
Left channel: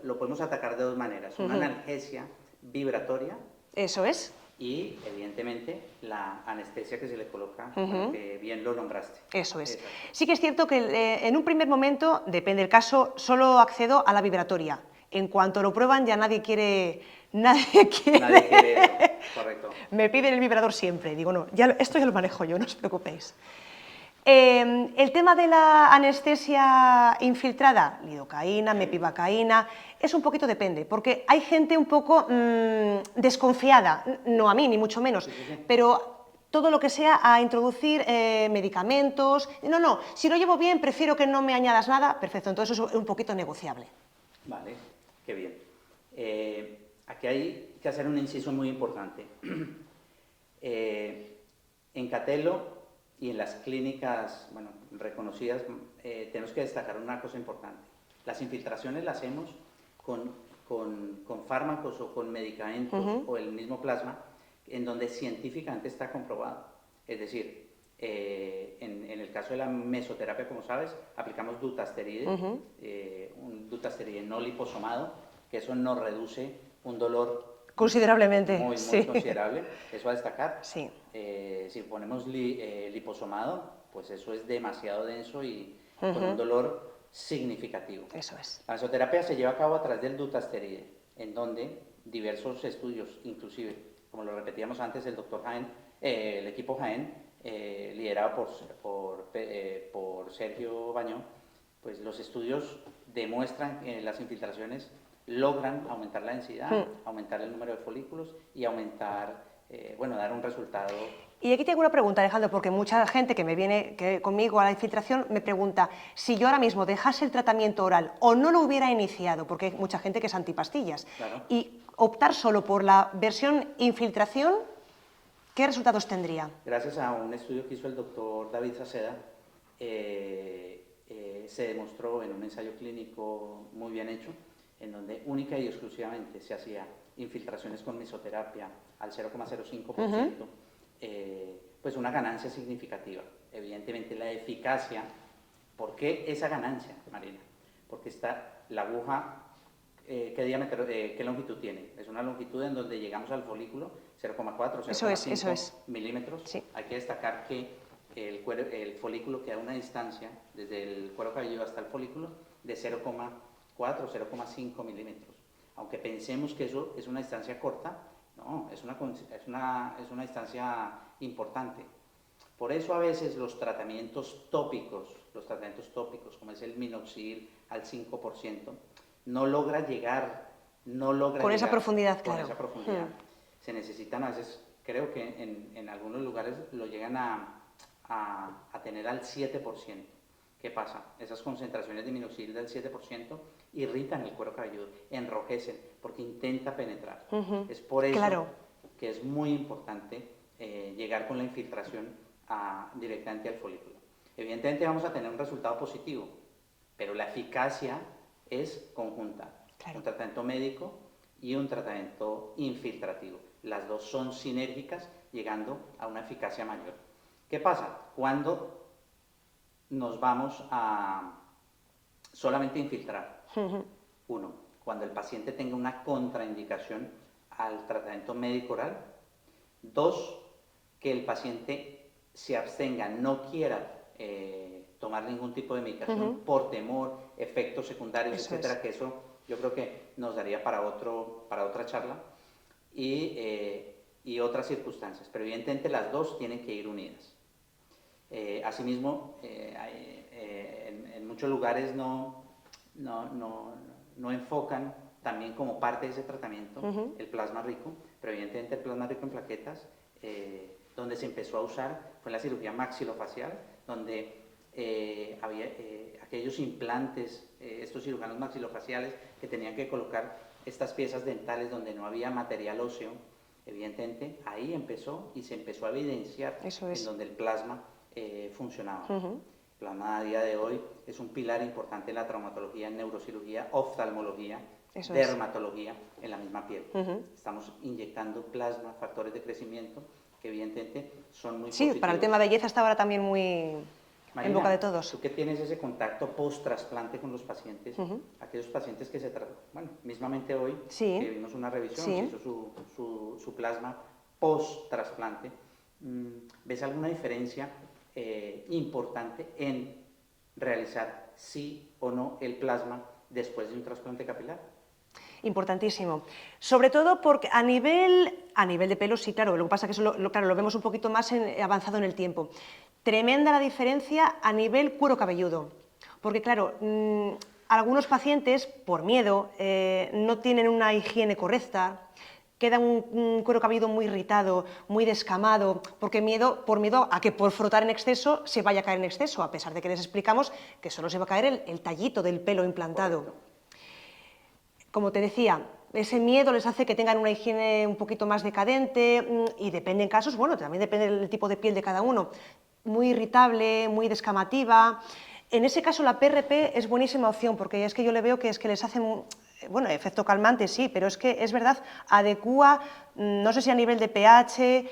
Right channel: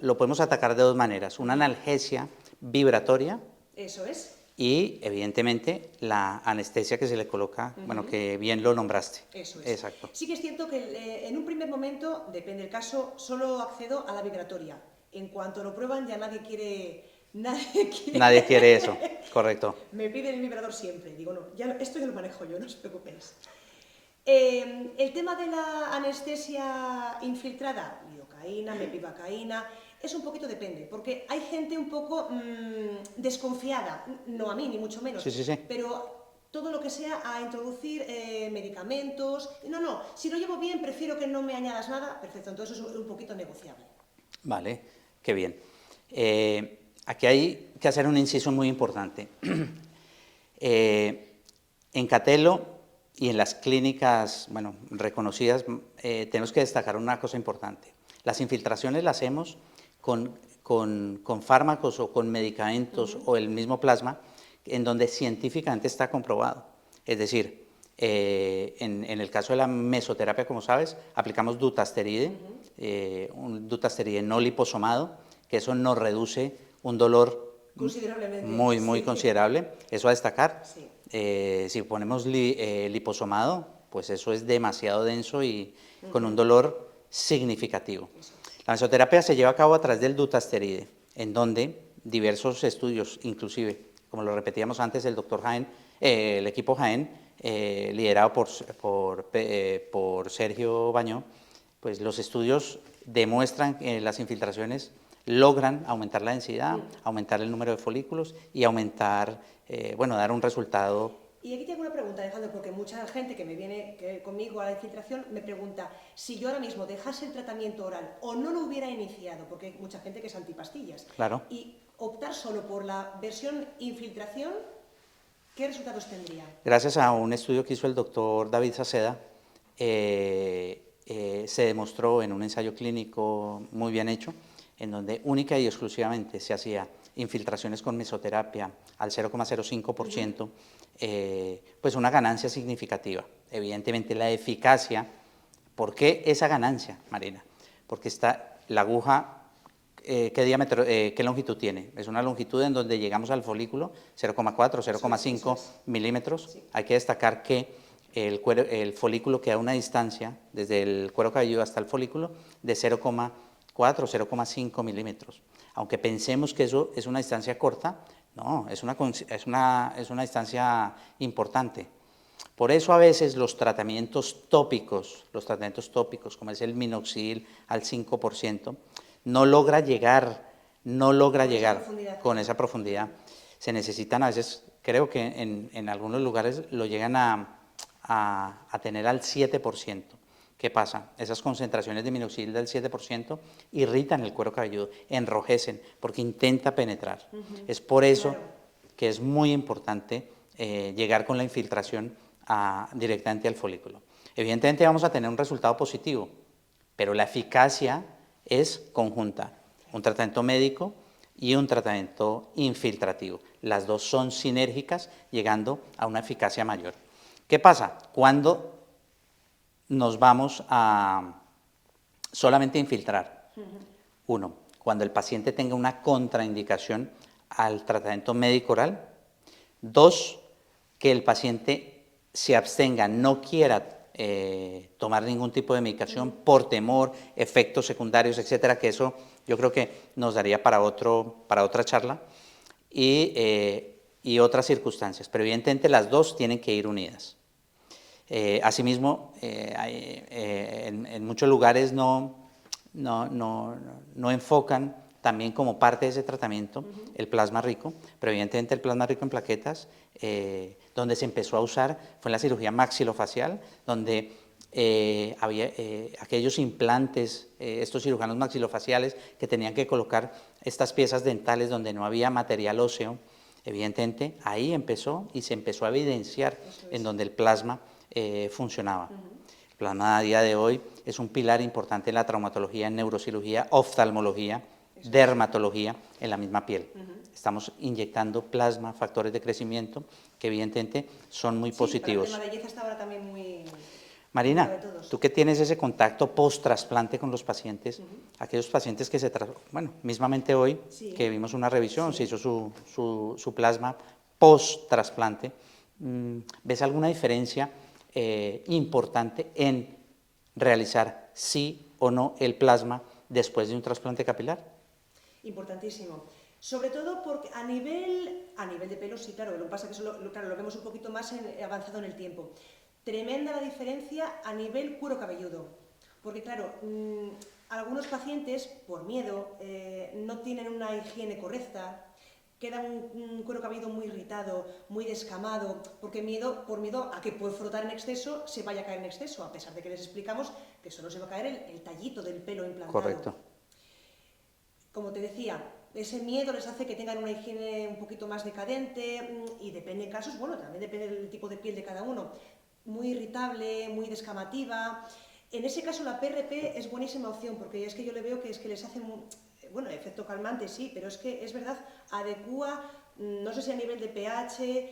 Lo podemos atacar de dos maneras, una analgesia vibratoria. Eso es. Y, evidentemente, la anestesia que se le coloca, bueno, que bien lo nombraste. Eso es. Exacto. Sí que es cierto que en un primer momento, depende del caso, solo accedo a la vibratoria. En cuanto lo prueban, ya nadie quiere... Nadie quiere eso, correcto. Me piden el vibrador siempre. Digo, no, esto ya lo manejo yo, no os preocupéis. El tema de la anestesia infiltrada, lidocaína, mepivacaína, es un poquito depende, porque hay gente un poco desconfiada, no a mí ni mucho menos, pero todo lo que sea a introducir medicamentos, no, si lo llevo bien prefiero que no me añadas nada, perfecto, entonces eso es un poquito negociable. Vale, qué bien. Aquí hay que hacer un inciso muy importante. En Catelo y en las clínicas, bueno, reconocidas, tenemos que destacar una cosa importante. Las infiltraciones las hacemos con fármacos o con medicamentos o el mismo plasma, en donde científicamente está comprobado. Es decir, en el caso de la mesoterapia, como sabes, aplicamos dutasteride, un dutasteride no liposomado, que eso nos reduce un dolor considerablemente. Muy considerable, eso a destacar. Sí. Si ponemos liposomado, pues eso es demasiado denso y con un dolor significativo. Eso es. La mesoterapia se lleva a cabo a través del dutasteride, en donde diversos estudios, inclusive, como lo repetíamos antes, el doctor Jaén, el equipo Jaén, liderado por Sergio Bañó, pues los estudios demuestran que las infiltraciones logran aumentar la densidad, aumentar el número de folículos y aumentar, dar un resultado. Y aquí tengo una pregunta, Alejandro, porque mucha gente que me viene conmigo a la infiltración me pregunta si yo ahora mismo dejase el tratamiento oral o no lo hubiera iniciado, porque hay mucha gente que es antipastillas, Claro. y optar solo por la versión infiltración, ¿qué resultados tendría? Gracias a un estudio que hizo el doctor David Saceda, se demostró en un ensayo clínico muy bien hecho, en donde única y exclusivamente se hacía infiltraciones con mesoterapia al 0,05%, pues una ganancia significativa. Evidentemente la eficacia, ¿por qué esa ganancia, Marina? Porque está la aguja, ¿qué diámetro, qué longitud tiene? Es una longitud en donde llegamos al folículo, 0,4, 0,5 milímetros. Sí. Hay que destacar que el folículo queda a una distancia, desde el cuero cabelludo hasta el folículo, de 0,4 o 0,5 milímetros. Aunque pensemos que eso es una distancia corta, no, es una distancia importante. Por eso a veces los tratamientos tópicos, como es el minoxidil al 5%, no logra llegar con esa profundidad. Se necesitan a veces, creo que en algunos lugares lo llegan a tener al 7%. ¿Qué pasa? Esas concentraciones de minoxidil del 7% irritan el cuero cabelludo, enrojecen, porque intenta penetrar. Es por eso que es muy importante llegar con la infiltración directamente al folículo. Evidentemente vamos a tener un resultado positivo, pero la eficacia es conjunta. Un tratamiento médico y un tratamiento infiltrativo. Las dos son sinérgicas, llegando a una eficacia mayor. ¿Qué pasa? Cuando nos vamos a solamente infiltrar. Uno, cuando el paciente tenga una contraindicación al tratamiento médico oral. Dos, que el paciente se abstenga, no quiera tomar ningún tipo de medicación por temor, efectos secundarios, etcétera, que eso yo creo que nos daría para otra charla, y otras circunstancias. Pero evidentemente las dos tienen que ir unidas. Asimismo, en muchos lugares no enfocan también como parte de ese tratamiento, el plasma rico, pero evidentemente el plasma rico en plaquetas, donde se empezó a usar fue en la cirugía maxilofacial, donde había aquellos implantes, estos cirujanos maxilofaciales que tenían que colocar estas piezas dentales donde no había material óseo. Evidentemente ahí empezó y se empezó a evidenciar en donde el plasma funcionaba. El plasma a día de hoy es un pilar importante en la traumatología, en neurocirugía, oftalmología, dermatología, en la misma piel. Estamos inyectando plasma, factores de crecimiento, que evidentemente son muy positivos. Para el tema belleza está ahora también muy Marina, en boca de todos. tú que tienes ese contacto post-trasplante con los pacientes, aquellos pacientes que bueno, mismamente hoy, que vimos una revisión, se hizo su plasma post-trasplante, ¿ves alguna diferencia importante en realizar sí o no el plasma después de un trasplante capilar? Importantísimo. Sobre todo porque a nivel de pelo, sí, claro, lo que pasa es que eso claro, lo vemos un poquito más avanzado en el tiempo. Tremenda la diferencia a nivel cuero cabelludo, porque claro, algunos pacientes, por miedo, no tienen una higiene correcta, queda un cuero cabelludo muy irritado, muy descamado, porque por miedo a que por frotar en exceso se vaya a caer en exceso, a pesar de que les explicamos que solo se va a caer el tallito del pelo implantado. Correcto. Como te decía, ese miedo les hace que tengan una higiene un poquito más decadente y depende en casos, bueno, también depende del tipo de piel de cada uno, muy irritable, muy descamativa. En ese caso la PRP es buenísima opción porque es que yo le veo que es que les hace, bueno, efecto calmante sí, pero es que es verdad, adecúa, no sé si a nivel de pH,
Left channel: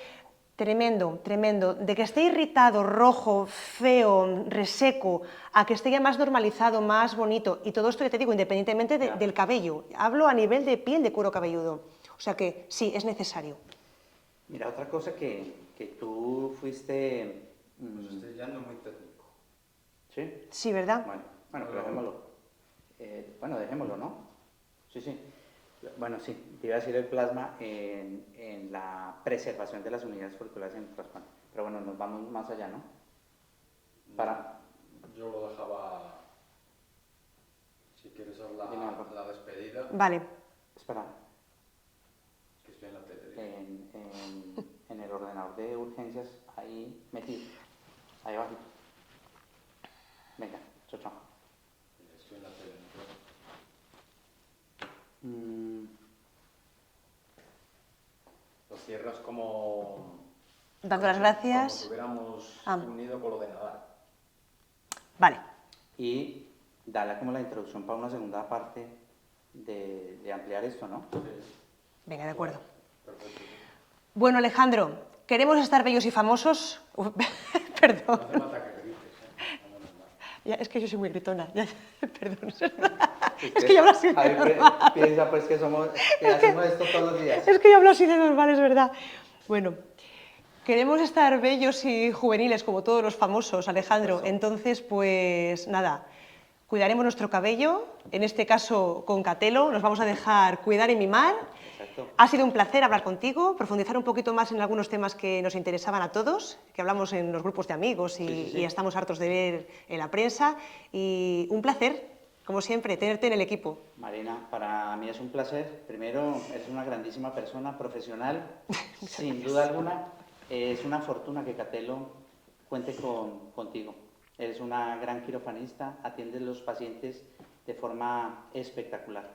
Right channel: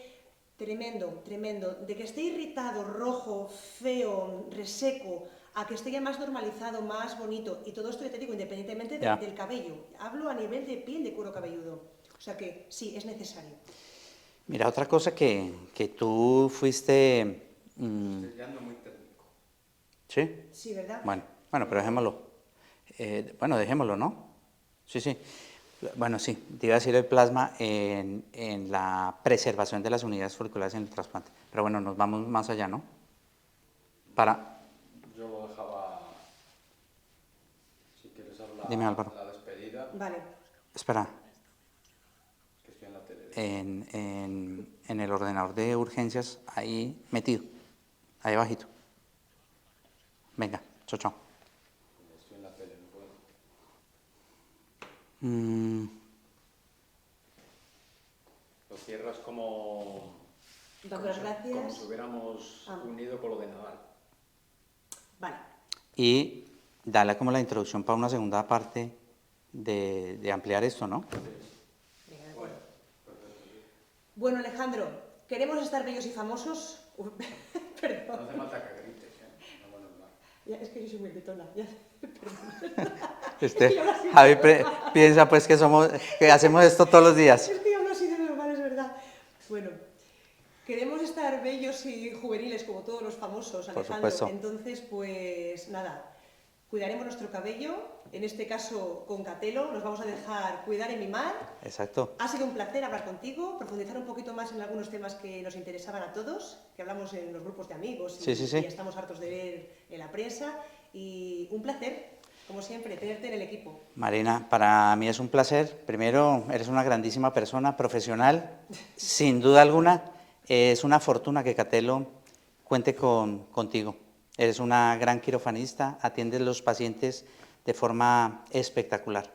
tremendo, tremendo. De que esté irritado, rojo, feo, reseco, a que esté ya más normalizado, más bonito. Y todo esto, ya te digo, independientemente del cabello. Hablo a nivel de piel de cuero cabelludo. O sea que sí, es necesario. Mira, otra cosa que tú fuiste... Estoy ya no muy técnico. ¿Sí? Sí, ¿verdad? Bueno, pero dejémoslo. Bueno, dejémoslo, ¿no? Sí. Bueno, sí, te iba a decir el plasma en la preservación de las unidades folliculares en el trasplante. Pero bueno, nos vamos más allá, ¿no? Yo lo dejaba, si quieres hablar, Dime, Álvaro. la despedida. Vale. Espera. Que estoy en la tele. En el ordenador de urgencias, ahí metido, ahí abajito. Venga, chao. Estoy en la tele, no puedo. Lo cierras como... Dando las gracias. Como si hubiéramos unido con lo de Nadal. Vale. Y dale como la introducción para una segunda parte de ampliar esto, ¿no? Venga, de acuerdo. Bueno, Alejandro, ¿queremos estar bellos y famosos? Perdón. No hace falta que grites, ¿eh? Ya, es que yo soy muy gritona. Perdón. Usted, es que yo hablo así de Javi piensa pues que hacemos esto todos los días. Es que yo hablo así de normal, es verdad. Bueno, queremos estar bellos y juveniles como todos los famosos, Alejandro. Entonces, pues nada, cuidaremos nuestro cabello, en este caso con Catelo, nos vamos a dejar cuidar y mimar. Exacto. Ha sido un placer hablar contigo, profundizar un poquito más en algunos temas que nos interesaban a todos, que hablamos en los grupos de amigos y estamos hartos de ver en la prensa. Y un placer, como siempre, tenerte en el equipo. Marina, para mí es un placer. Primero, eres una grandísima persona, profesional, sin duda alguna. Es una fortuna que Catelo cuente contigo. Eres una gran quirofanista, atiendes a los pacientes de forma espectacular.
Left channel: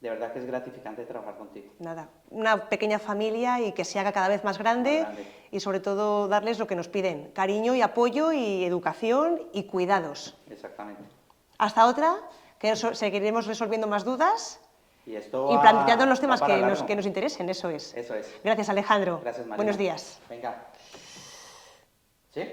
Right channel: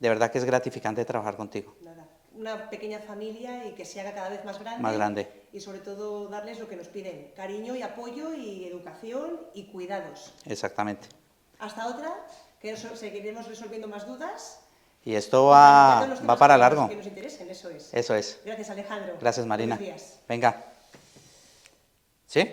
De verdad que es gratificante trabajar contigo. Nada, una pequeña familia y que se haga cada vez más grande. Y sobre todo darles lo que nos piden, cariño y apoyo y educación y cuidados. Exactamente. Hasta otra, que seguiremos resolviendo más dudas. Y esto va, planteando los temas para largo. Que nos interesen, eso es. Eso es. Gracias, Alejandro. Gracias, Marina. Buenos días. Venga. ¿Sí?